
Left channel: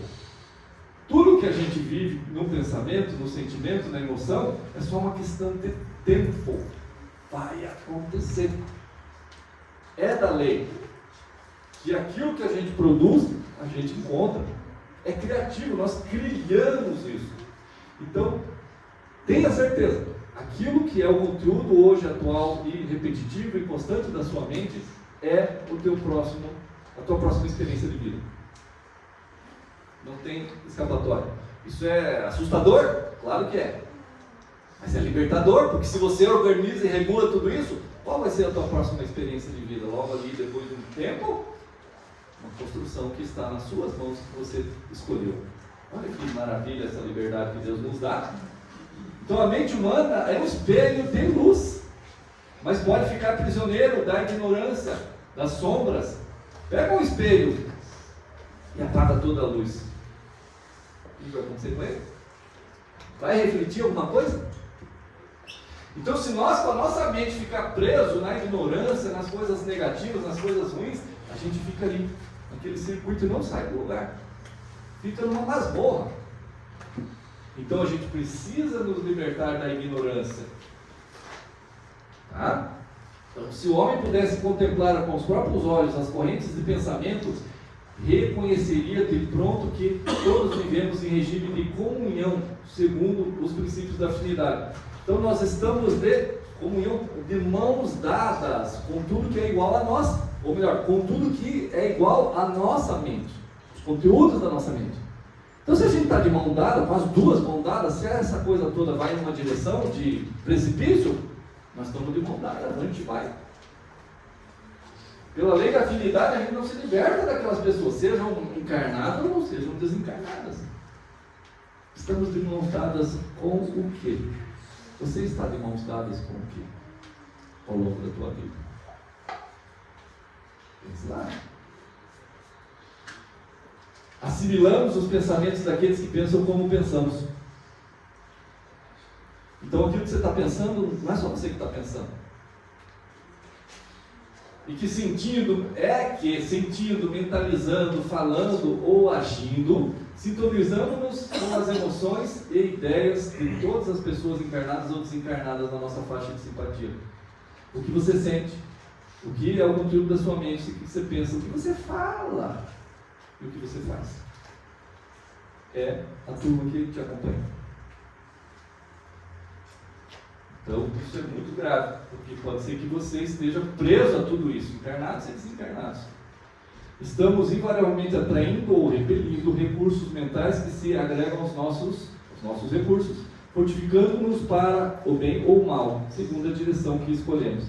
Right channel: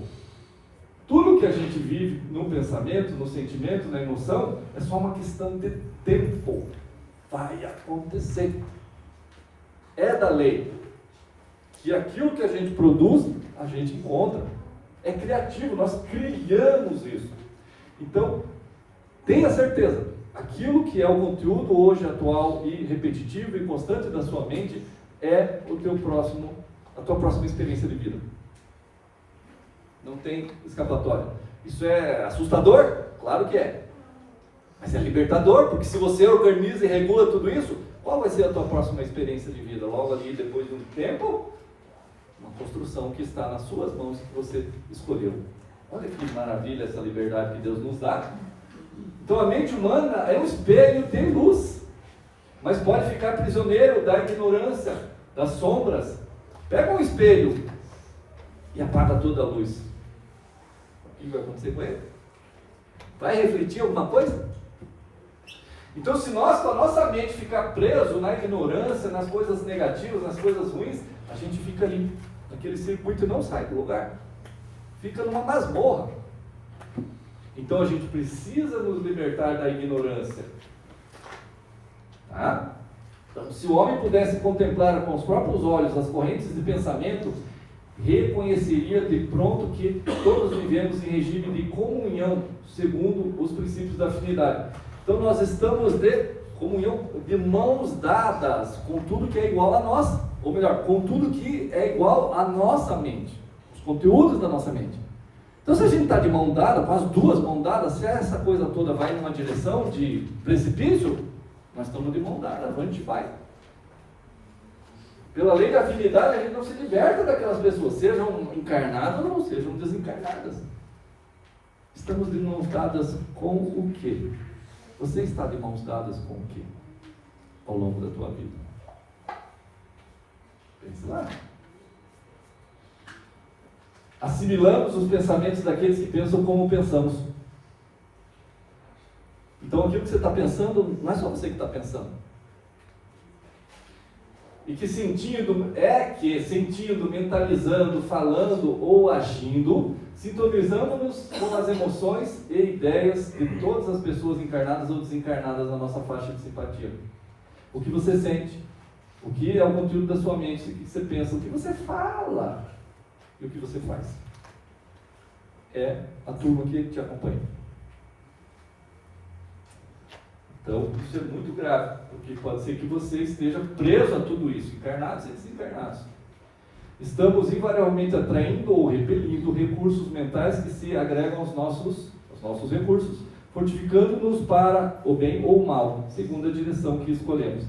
Tudo que a gente vive no pensamento, no sentimento, na emoção, é só uma questão de tempo. Vai acontecer. É da lei que aquilo que a gente produz, a gente encontra. É criativo, nós criamos isso. Então, tenha certeza, aquilo que é o conteúdo hoje atual e repetitivo e constante da sua mente é a tua próxima experiência de vida. Não tem escapatória. Isso é assustador? Claro que é. Mas é libertador, porque se você organiza e regula tudo isso, qual vai ser a tua próxima experiência de vida? Logo ali, depois de um tempo, uma construção que está nas suas mãos, que você escolheu. Olha que maravilha essa liberdade que Deus nos dá. Então a mente humana é um espelho de luz, mas pode ficar prisioneiro da ignorância, das sombras. Pega um espelho e apaga toda a luz. O que vai acontecer com ele? Vai refletir alguma coisa? Então, se nós, com a nossa mente, ficar preso na ignorância, nas coisas negativas, nas coisas ruins, a gente fica ali, naquele circuito e não sai do lugar. Fica numa masmorra. Então, a gente precisa nos libertar da ignorância. Tá? Então, se o homem pudesse contemplar com os próprios olhos as correntes de pensamento, reconheceria de pronto que todos vivemos em regime de comunhão, segundo os princípios da afinidade. Então nós estamos de comunhão, de mãos dadas com tudo que é igual a nós, ou melhor, com tudo que é igual à nossa mente, os conteúdos da nossa mente. Então se a gente está de mão dada, com as duas mãos dadas, se essa coisa toda vai em uma direção de precipício, nós estamos de mão dada, a gente vai. Pela lei da afinidade, a gente não se liberta daquelas pessoas, sejam encarnadas ou não sejam desencarnadas. Estamos de mãos dadas com o quê? Você está de mãos dadas com o quê? Ao longo da tua vida? Pense lá. Assimilamos os pensamentos daqueles que pensam como pensamos. Então aquilo que você está pensando, não é só você que está pensando. E que sentindo, mentalizando, falando ou agindo, sintonizamos-nos com as emoções e ideias de todas as pessoas encarnadas ou desencarnadas na nossa faixa de simpatia. O que você sente, o que é o conteúdo da sua mente, o que você pensa, o que você fala e o que você faz. É a turma que te acompanha. Então, isso é muito grave, porque pode ser que você esteja preso a tudo isso, encarnados e desencarnados. Estamos invariavelmente atraindo ou repelindo recursos mentais que se agregam aos nossos recursos, fortificando-nos para o bem ou o mal, segundo a direção que escolhemos.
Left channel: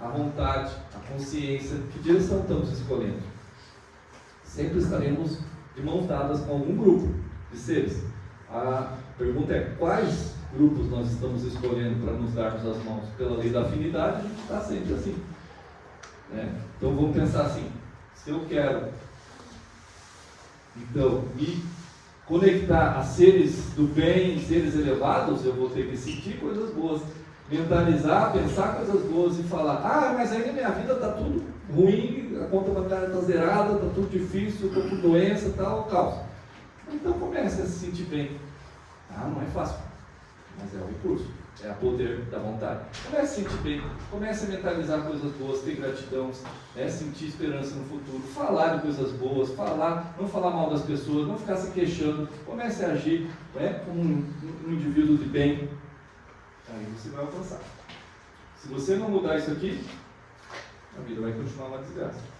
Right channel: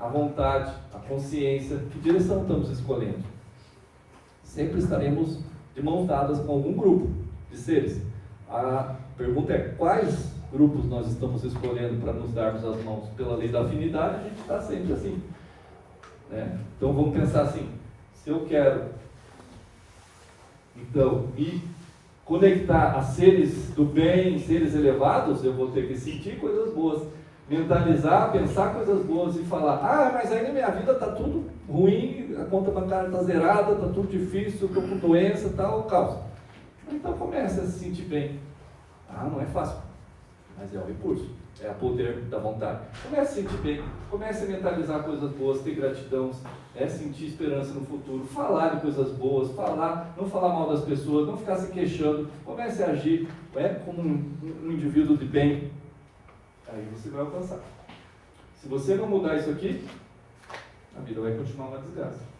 A vontade, a consciência, que direção estamos escolhendo? Sempre estaremos de mãos dadas com algum grupo de seres. A pergunta é: quais grupos nós estamos escolhendo para nos darmos as mãos? Pela lei da afinidade, a gente está sempre assim, né? Então vamos pensar assim: se eu quero então me conectar a seres do bem, seres elevados, eu vou ter que sentir coisas boas, mentalizar, pensar coisas boas e falar: mas aí na minha vida está tudo ruim, a conta bancária está zerada, está tudo difícil, estou com doença, tal, caos. Então comece a se sentir bem. Não é fácil. mas é o recurso, é o poder da vontade. Comece a sentir bem, comece a mentalizar coisas boas, ter gratidão, sentir esperança no futuro, falar de coisas boas, não falar mal das pessoas, não ficar se queixando, comece a agir como um indivíduo de bem, aí você vai alcançar. Se você não mudar isso aqui, a vida vai continuar uma desgraça.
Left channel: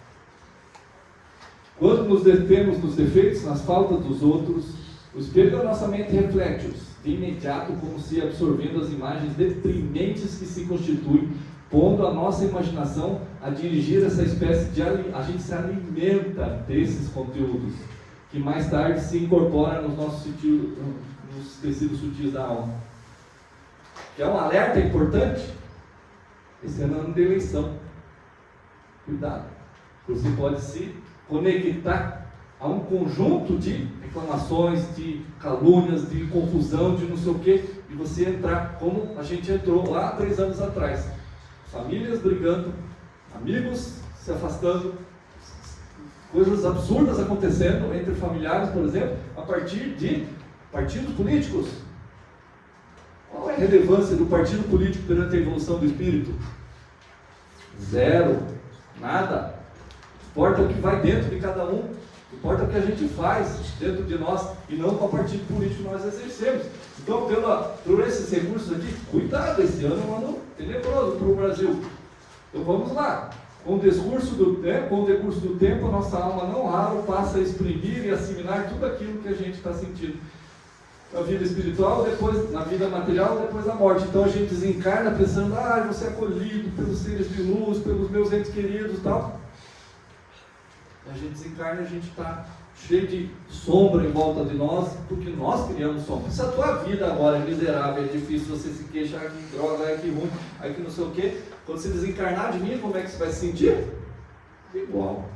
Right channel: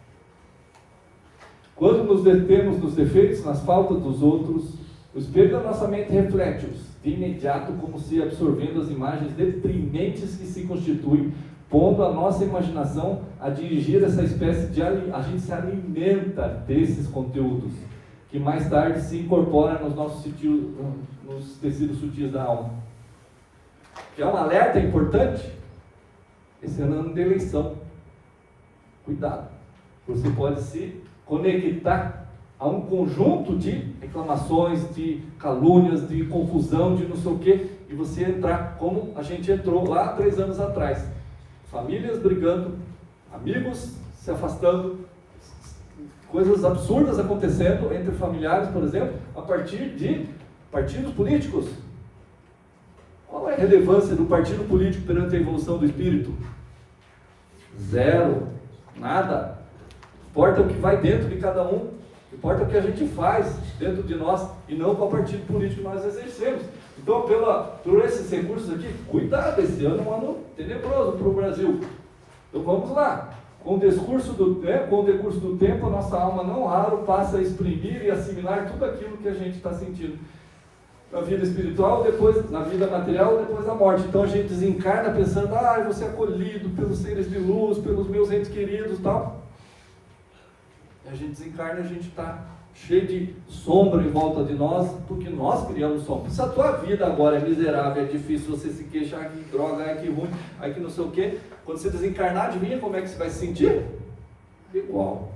Quando nos detemos nos defeitos, nas faltas dos outros, o espelho da nossa mente reflete-os de imediato, como se absorvendo as imagens deprimentes que se constituem, pondo a nossa imaginação a dirigir essa espécie de... A gente se alimenta desses conteúdos, que mais tarde se incorporam nos tecidos sutis da alma. Quer um alerta importante? Esse é ano de eleição. Cuidado. Você pode se conectar a um conjunto de reclamações, de calúnias, de confusão, de não sei o quê, e você entrar como a gente entrou lá 3 anos atrás. Famílias brigando, amigos se afastando, coisas absurdas acontecendo entre familiares, por exemplo, a partir de partidos políticos. Qual é a relevância do partido político perante a evolução do espírito? Zero, nada. Importa o que vai dentro de cada um, importa o que a gente faz dentro de nós e não qual partido político nós exercemos. Então, por esses recursos aqui, cuidado, esse ano é um ano tenebroso para o Brasil. Então vamos lá. Com o decurso do tempo, a nossa alma não raro passa a exprimir e assimilar tudo aquilo que a gente está sentindo. Na vida espiritual, depois na vida material, depois da morte. Então a gente desencarna pensando, você é acolhido pelos seres de luz, pelos meus entes queridos e tal. A gente desencarna, a gente está cheio de sombra em volta de nós, porque nós criamos sombra. Se a tua vida agora é miserável, é difícil, você se queixa, que droga, que ruim, que não sei o quê, quando você desencarnar, adivinha como é que você vai se sentir? Igual.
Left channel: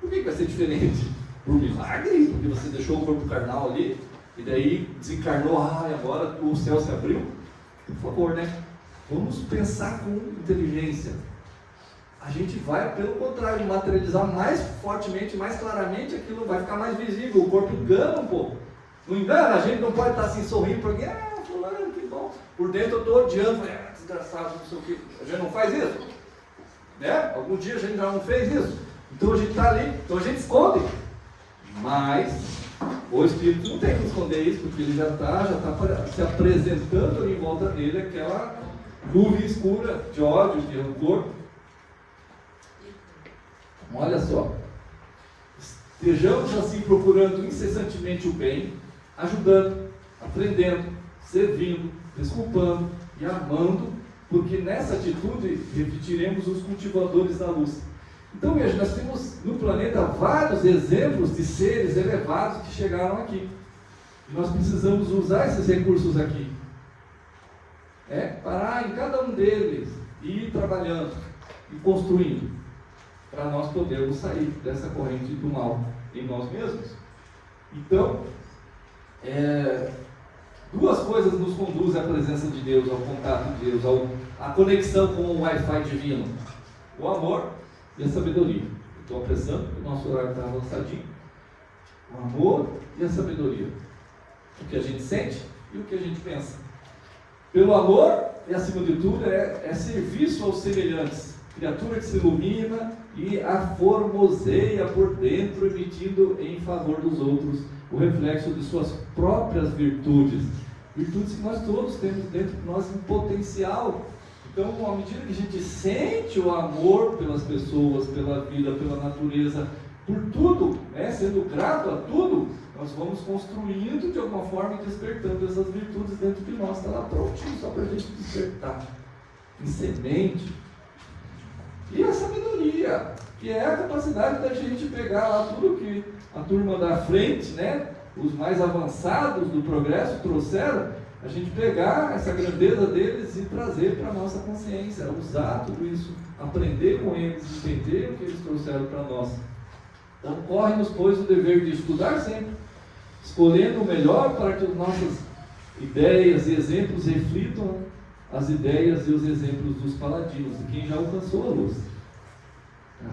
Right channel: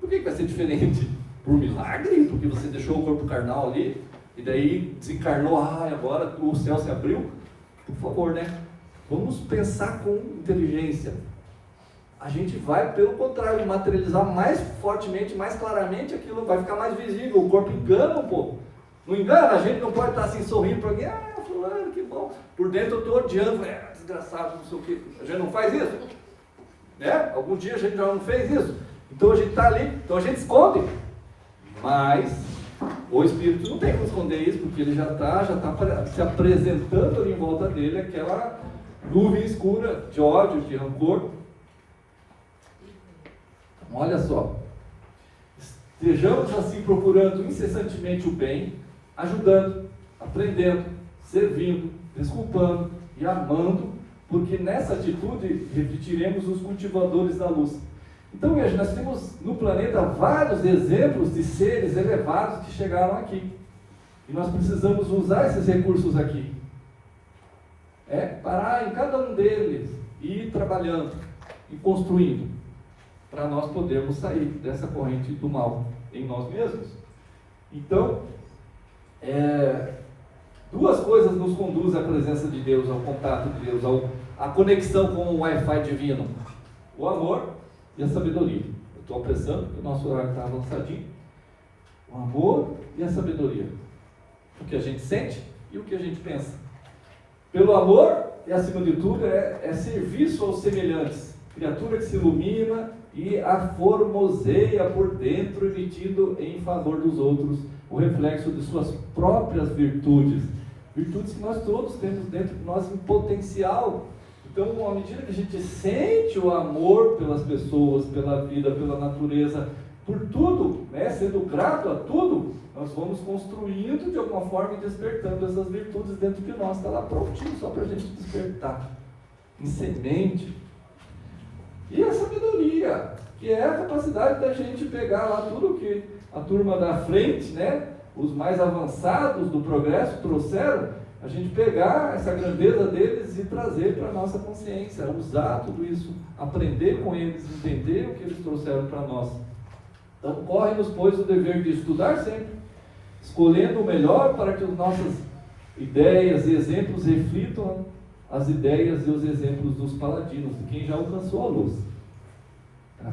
Por que vai ser diferente? Por milagre? Porque você deixou o corpo carnal ali, e daí desencarnou, agora o céu se abriu? Por favor, vamos pensar com inteligência. A gente vai, pelo contrário, materializar mais fortemente, mais claramente aquilo, vai ficar mais visível. O corpo engana um pouco. Não engana? A gente não pode estar assim sorrindo para alguém, fulano, que bom. Por dentro eu estou odiando, desgraçado, não sei o quê. A gente não faz isso? Algum dia a gente já não fez isso? Então a gente está ali, então a gente esconde. Mas o espírito não tem que esconder isso, porque ele já está se apresentando ali em volta dele, aquela nuvem escura de ódio, de rancor. Olha só, estejamos assim procurando incessantemente o bem, ajudando, aprendendo, servindo, desculpando e amando, porque nessa atitude repetiremos os cultivadores da luz. Então veja, nós temos no planeta vários exemplos de seres elevados que chegaram aqui, e nós precisamos usar esses recursos aqui, parar em cada um deles e ir trabalhando e construindo, para nós podermos sair dessa corrente do mal em nós mesmos. Então, 2 coisas nos conduzem à presença de Deus, ao contato de Deus, à conexão com o Wi-Fi divino: o amor e a sabedoria. Eu estou apressando, porque o nosso horário está avançadinho. O amor e a sabedoria. O que a gente sente e o que a gente pensa. Pelo amor, e acima de tudo, é serviço aos semelhantes. Criatura que se ilumina e a formoseia por dentro, emitindo em favor dos outros o reflexo de suas próprias virtudes. Virtudes que nós todos temos dentro de nós em potencial. Então, à medida que a gente sente o amor pelas pessoas, pela vida, pela natureza, por tudo, sendo grato a tudo, nós vamos construindo de alguma forma e despertando essas virtudes dentro de nós. Está lá prontinho só para a gente despertar. Em semente. E a sabedoria, que é a capacidade da gente pegar lá tudo que a turma da frente, os mais avançados do progresso trouxeram, a gente pegar essa grandeza deles e trazer para a nossa consciência, usar tudo isso, aprender com eles, entender o que eles trouxeram para nós. Então, corre-nos, pois, o dever de estudar sempre, escolhendo o melhor para que as nossas ideias e exemplos reflitam as ideias e os exemplos dos paladinos, de quem já alcançou a luz.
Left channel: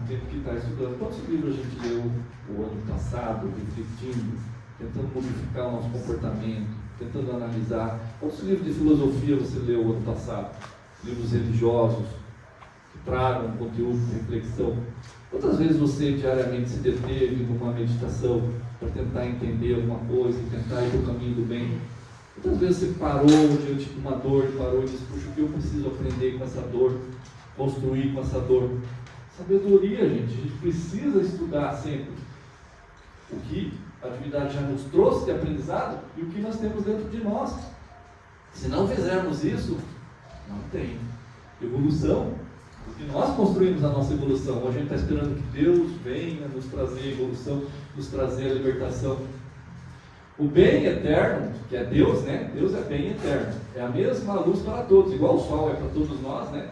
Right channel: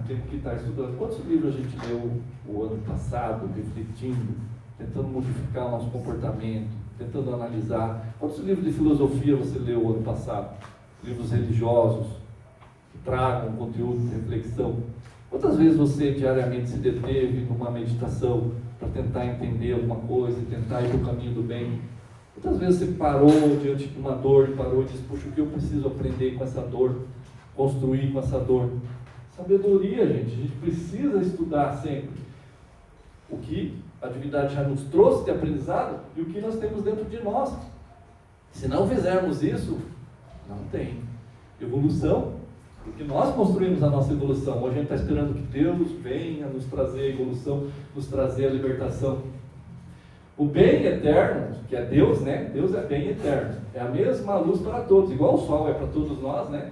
Temos que estar estudando. Quantos livros a gente leu o ano passado, refletindo, tentando modificar o nosso comportamento, tentando analisar. Quantos livros de filosofia você leu ano passado? Livros religiosos, que tragam conteúdo de reflexão. Quantas vezes você diariamente se deteve numa meditação para tentar entender alguma coisa e tentar ir para o caminho do bem? Quantas vezes você parou diante de uma dor e parou e disse, puxa, o que eu preciso aprender com essa dor? Construir com essa dor? Sabedoria, gente. A gente precisa estudar sempre o que a divindade já nos trouxe de aprendizado e o que nós temos dentro de nós. Se não fizermos isso, não tem evolução, porque nós construímos a nossa evolução. Hoje a gente está esperando que Deus venha nos trazer a evolução, nos trazer a libertação. O bem eterno, que é Deus, né? Deus é bem eterno. É a mesma luz para todos, igual o sol é para todos nós, né?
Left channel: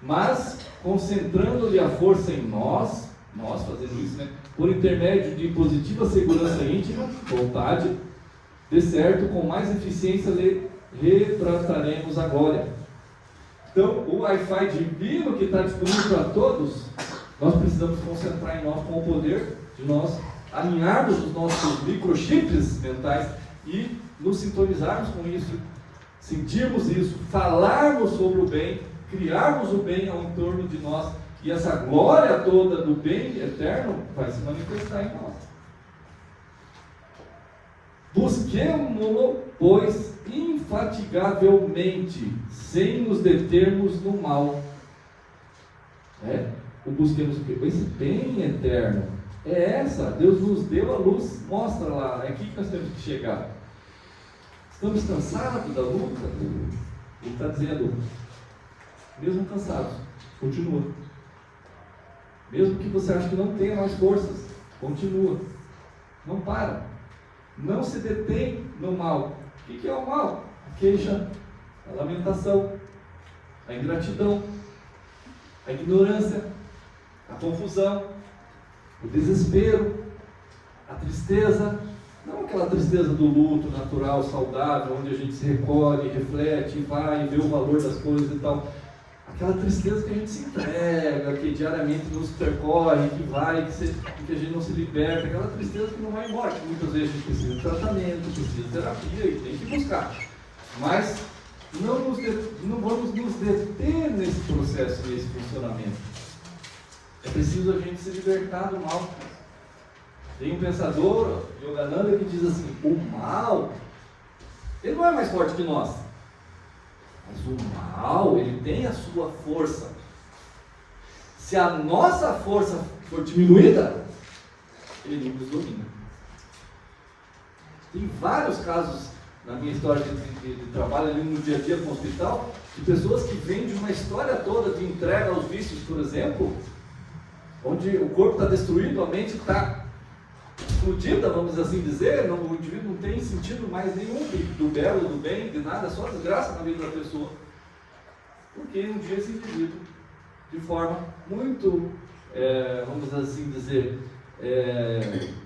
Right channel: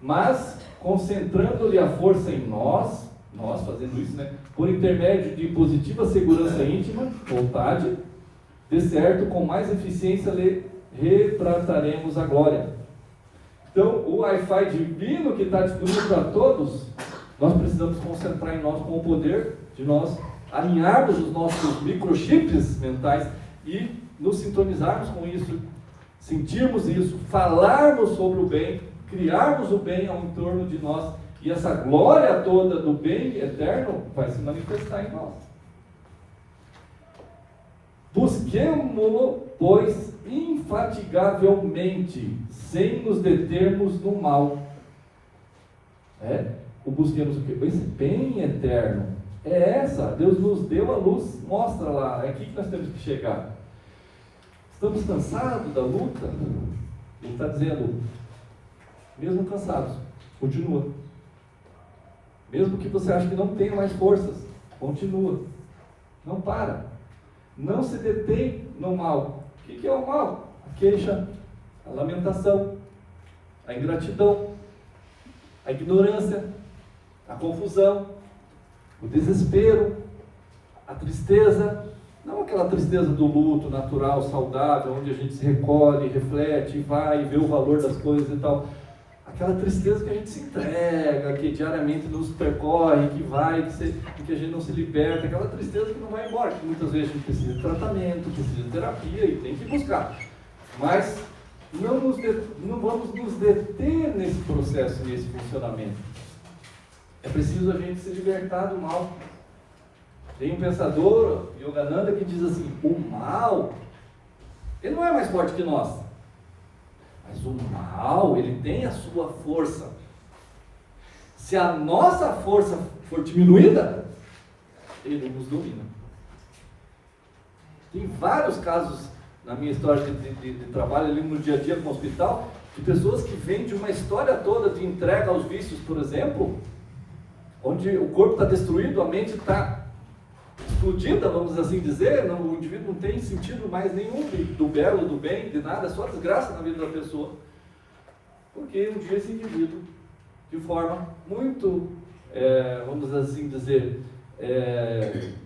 Mas concentrando-lhe a força em nós fazendo isso, né? Por intermédio de positiva segurança íntima, vontade, de certo, com mais eficiência lhe retrataremos agora. Então, o Wi-Fi divino que está disponível para todos, nós precisamos concentrar em nós com o poder de nós alinharmos os nossos microchips mentais e nos sintonizarmos com isso, sentirmos isso, falarmos sobre o bem, criarmos o bem ao entorno de nós, e essa glória toda do bem eterno vai se manifestar em nós. Busquemo-lo, pois, infatigavelmente, sem nos determos no mal. O busquemos o quê? Esse bem eterno. É essa, Deus nos deu a luz, mostra lá, é aqui que nós temos que chegar. Estamos cansados da luta? Ele está dizendo, mesmo cansados, continua. Mesmo que você ache que não tenha mais forças, continua. Não para. Não se detém no mal. O que é o mal? A queixa, a lamentação, a ingratidão, a ignorância, a confusão, o desespero, a tristeza. Não aquela tristeza do luto natural, saudável, onde a gente se recolhe, reflete, vai e vê o valor das coisas e tal. Aquela tristeza que a gente se entrega, que diariamente nos percorre, que vai, que a gente não se liberta, aquela tristeza que não vai embora, que muitas vezes a gente precisa de tratamento, precisa de terapia e tem que buscar. Mas não vamos nos deter nesse processo, nesse funcionamento. É preciso a gente se libertar do mal. Tem um pensador, Yogananda, que diz assim, o mal, ele não é mais forte que nós. Mas o mal, ele tem a sua força. Se a nossa força for diminuída, ele nos domina. Tem vários casos na minha história de trabalho ali no dia a dia com o hospital, de pessoas que vêm de uma história toda de entrega aos vícios, por exemplo, onde o corpo está destruído, a mente está explodida, vamos assim dizer, o indivíduo não tem sentido mais nenhum do belo, do bem, de nada, só desgraça na vida da pessoa. Porque um dia esse indivíduo, de forma muito, vamos assim dizer,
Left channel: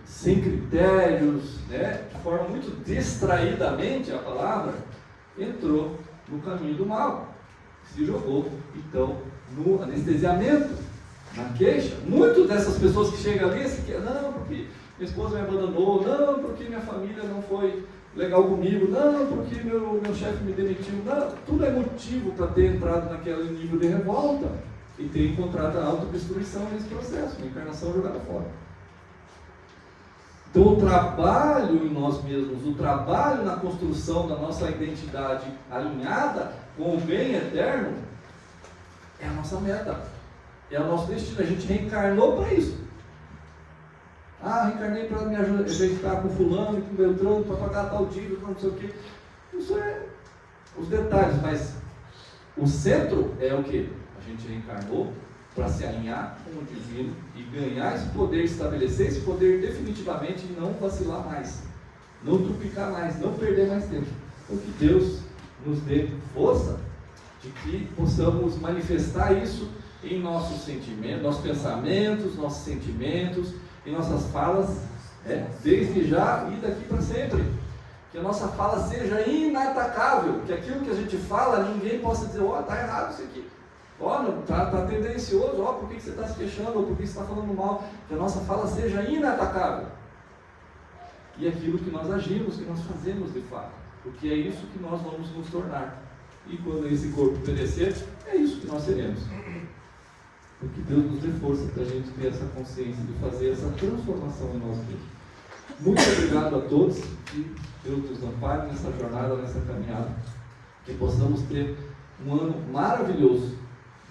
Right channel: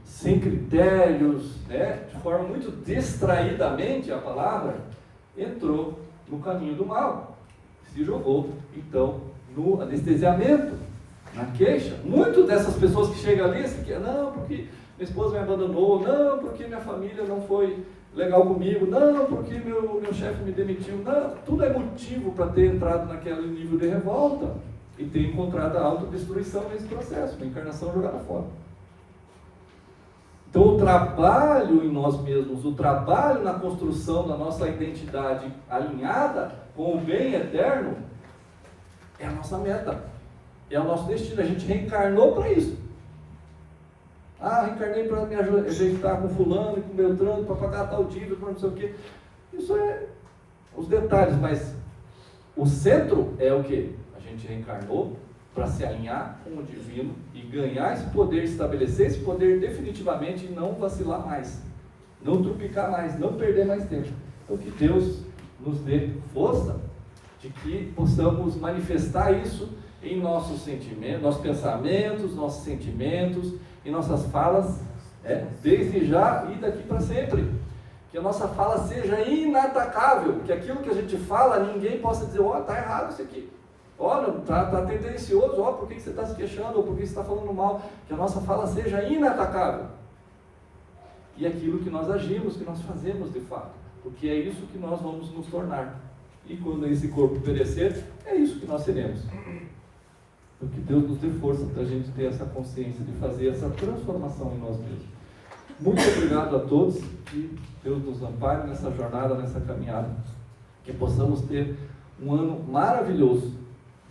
sem critérios, né, de forma muito distraidamente, a palavra, entrou no caminho do mal. Se jogou, então, no anestesiamento, na queixa. Muitas dessas pessoas que chegam ali, não, porque minha esposa me abandonou, não, porque minha família não foi legal comigo, não, porque meu chefe me demitiu, não, tudo é motivo para ter entrado naquele nível de revolta e ter encontrado a autodestruição nesse processo, a encarnação jogada fora. Então o trabalho em nós mesmos, o trabalho na construção da nossa identidade alinhada com o bem eterno, é a nossa meta, é o nosso destino, a gente reencarnou para isso. Reencarnei para me ajeitar com fulano, com Beltrano, para pagar tal dívida, para não sei o quê. Isso é os detalhes, mas o centro é o quê? A gente reencarnou para se alinhar com o divino e ganhar esse poder, estabelecer esse poder definitivamente e não vacilar mais, não trupicar mais, não perder mais tempo. Então que Deus nos dê força de que possamos manifestar isso em nossos sentimentos, nossos pensamentos, nossos sentimentos, em nossas falas, desde já e daqui para sempre. Que a nossa fala seja inatacável, que aquilo que a gente fala, ninguém possa dizer, está errado isso aqui, está tendencioso, por que você está se queixando, ou por que você está falando mal. Que a nossa fala seja inatacável. E aquilo que nós agimos, que nós fazemos de fato. porque é isso que nós vamos nos tornar. E quando esse corpo perecer, é isso que nós seremos. Porque Deus nos dê força para a gente ter essa consciência de fazer essa transformação em nós mesmos. Muito obrigado a todos, que Deus nos ampare nessa jornada, nessa caminhada, que possamos ter um ano maravilhoso,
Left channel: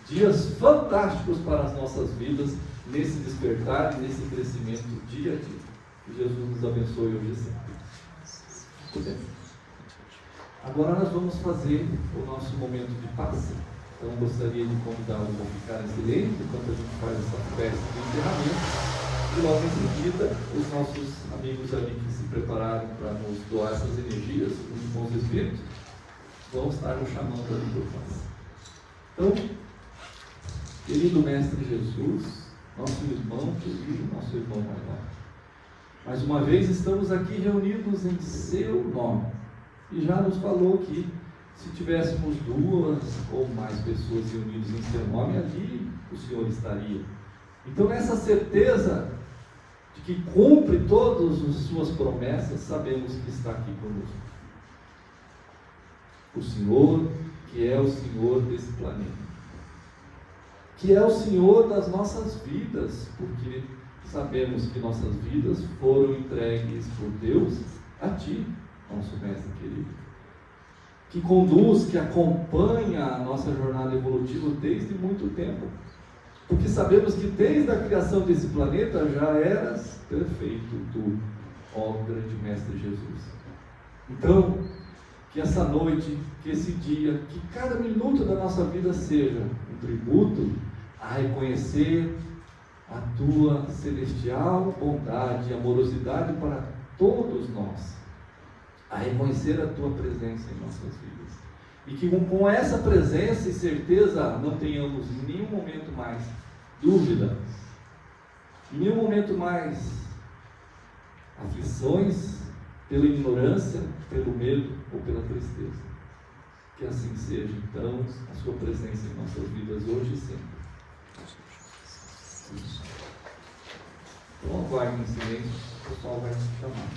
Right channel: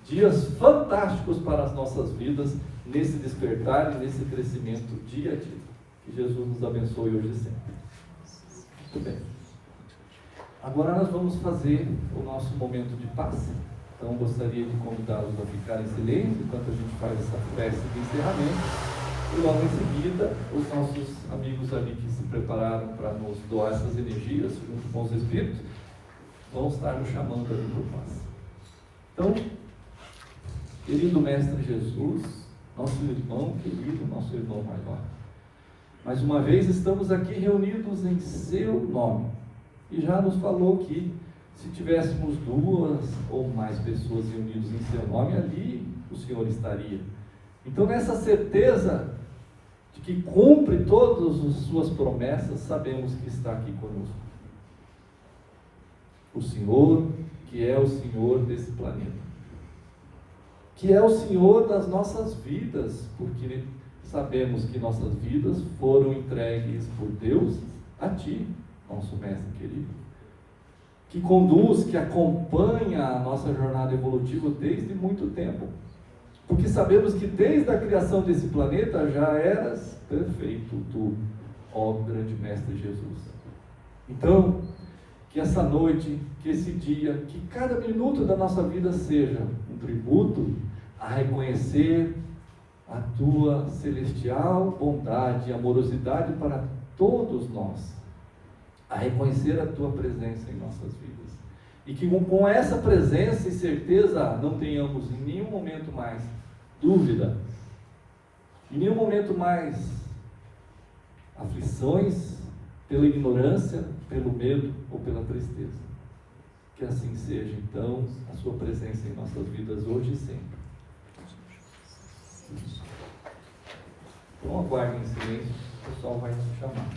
dias fantásticos para as nossas vidas, nesse despertar e nesse crescimento dia a dia. Que Jesus nos abençoe hoje e sempre. Muito bem. Agora nós vamos fazer o nosso momento de paz. Então gostaria de convidá-los a ficar em silêncio enquanto a gente faz essa festa de encerramento. E logo em seguida, os nossos amigos ali que se prepararam para nos doar essas energias, os bons espíritos, vão estar nos chamando ali por nós. Então, querido Mestre Jesus, nosso irmão querido, nosso irmão maior, mais uma vez estamos aqui reunidos em seu nome. E já nos falou que se tivéssemos 2 ou mais pessoas reunidas em seu nome, ali o Senhor estaria. Então, nessa certeza de que cumpre todas as suas promessas, sabemos que está aqui conosco. O Senhor, que é o Senhor desse planeta, que é o Senhor das nossas vidas, porque sabemos que nossas vidas foram entregues por Deus a Ti, nosso Mestre querido, que conduz, que acompanha a nossa jornada evolutiva desde muito tempo, porque sabemos que desde a criação desse planeta já eras perfeito tu, ó grande Mestre Jesus. Então, que essa noite, que esse dia, que cada minuto da nossa vida seja um tributo a reconhecer a tua celestial bondade e amorosidade para todos nós, a reconhecer a tua presença em nossas vidas, e que com essa presença e certeza não tenhamos em nenhum momento mais dúvida, em nenhum momento mais aflições pela ignorância, pelo medo ou pela tristeza. Que assim seja então a sua presença em nossas vidas hoje e sempre. Então aguardem em silêncio, o pessoal vai nos chamar.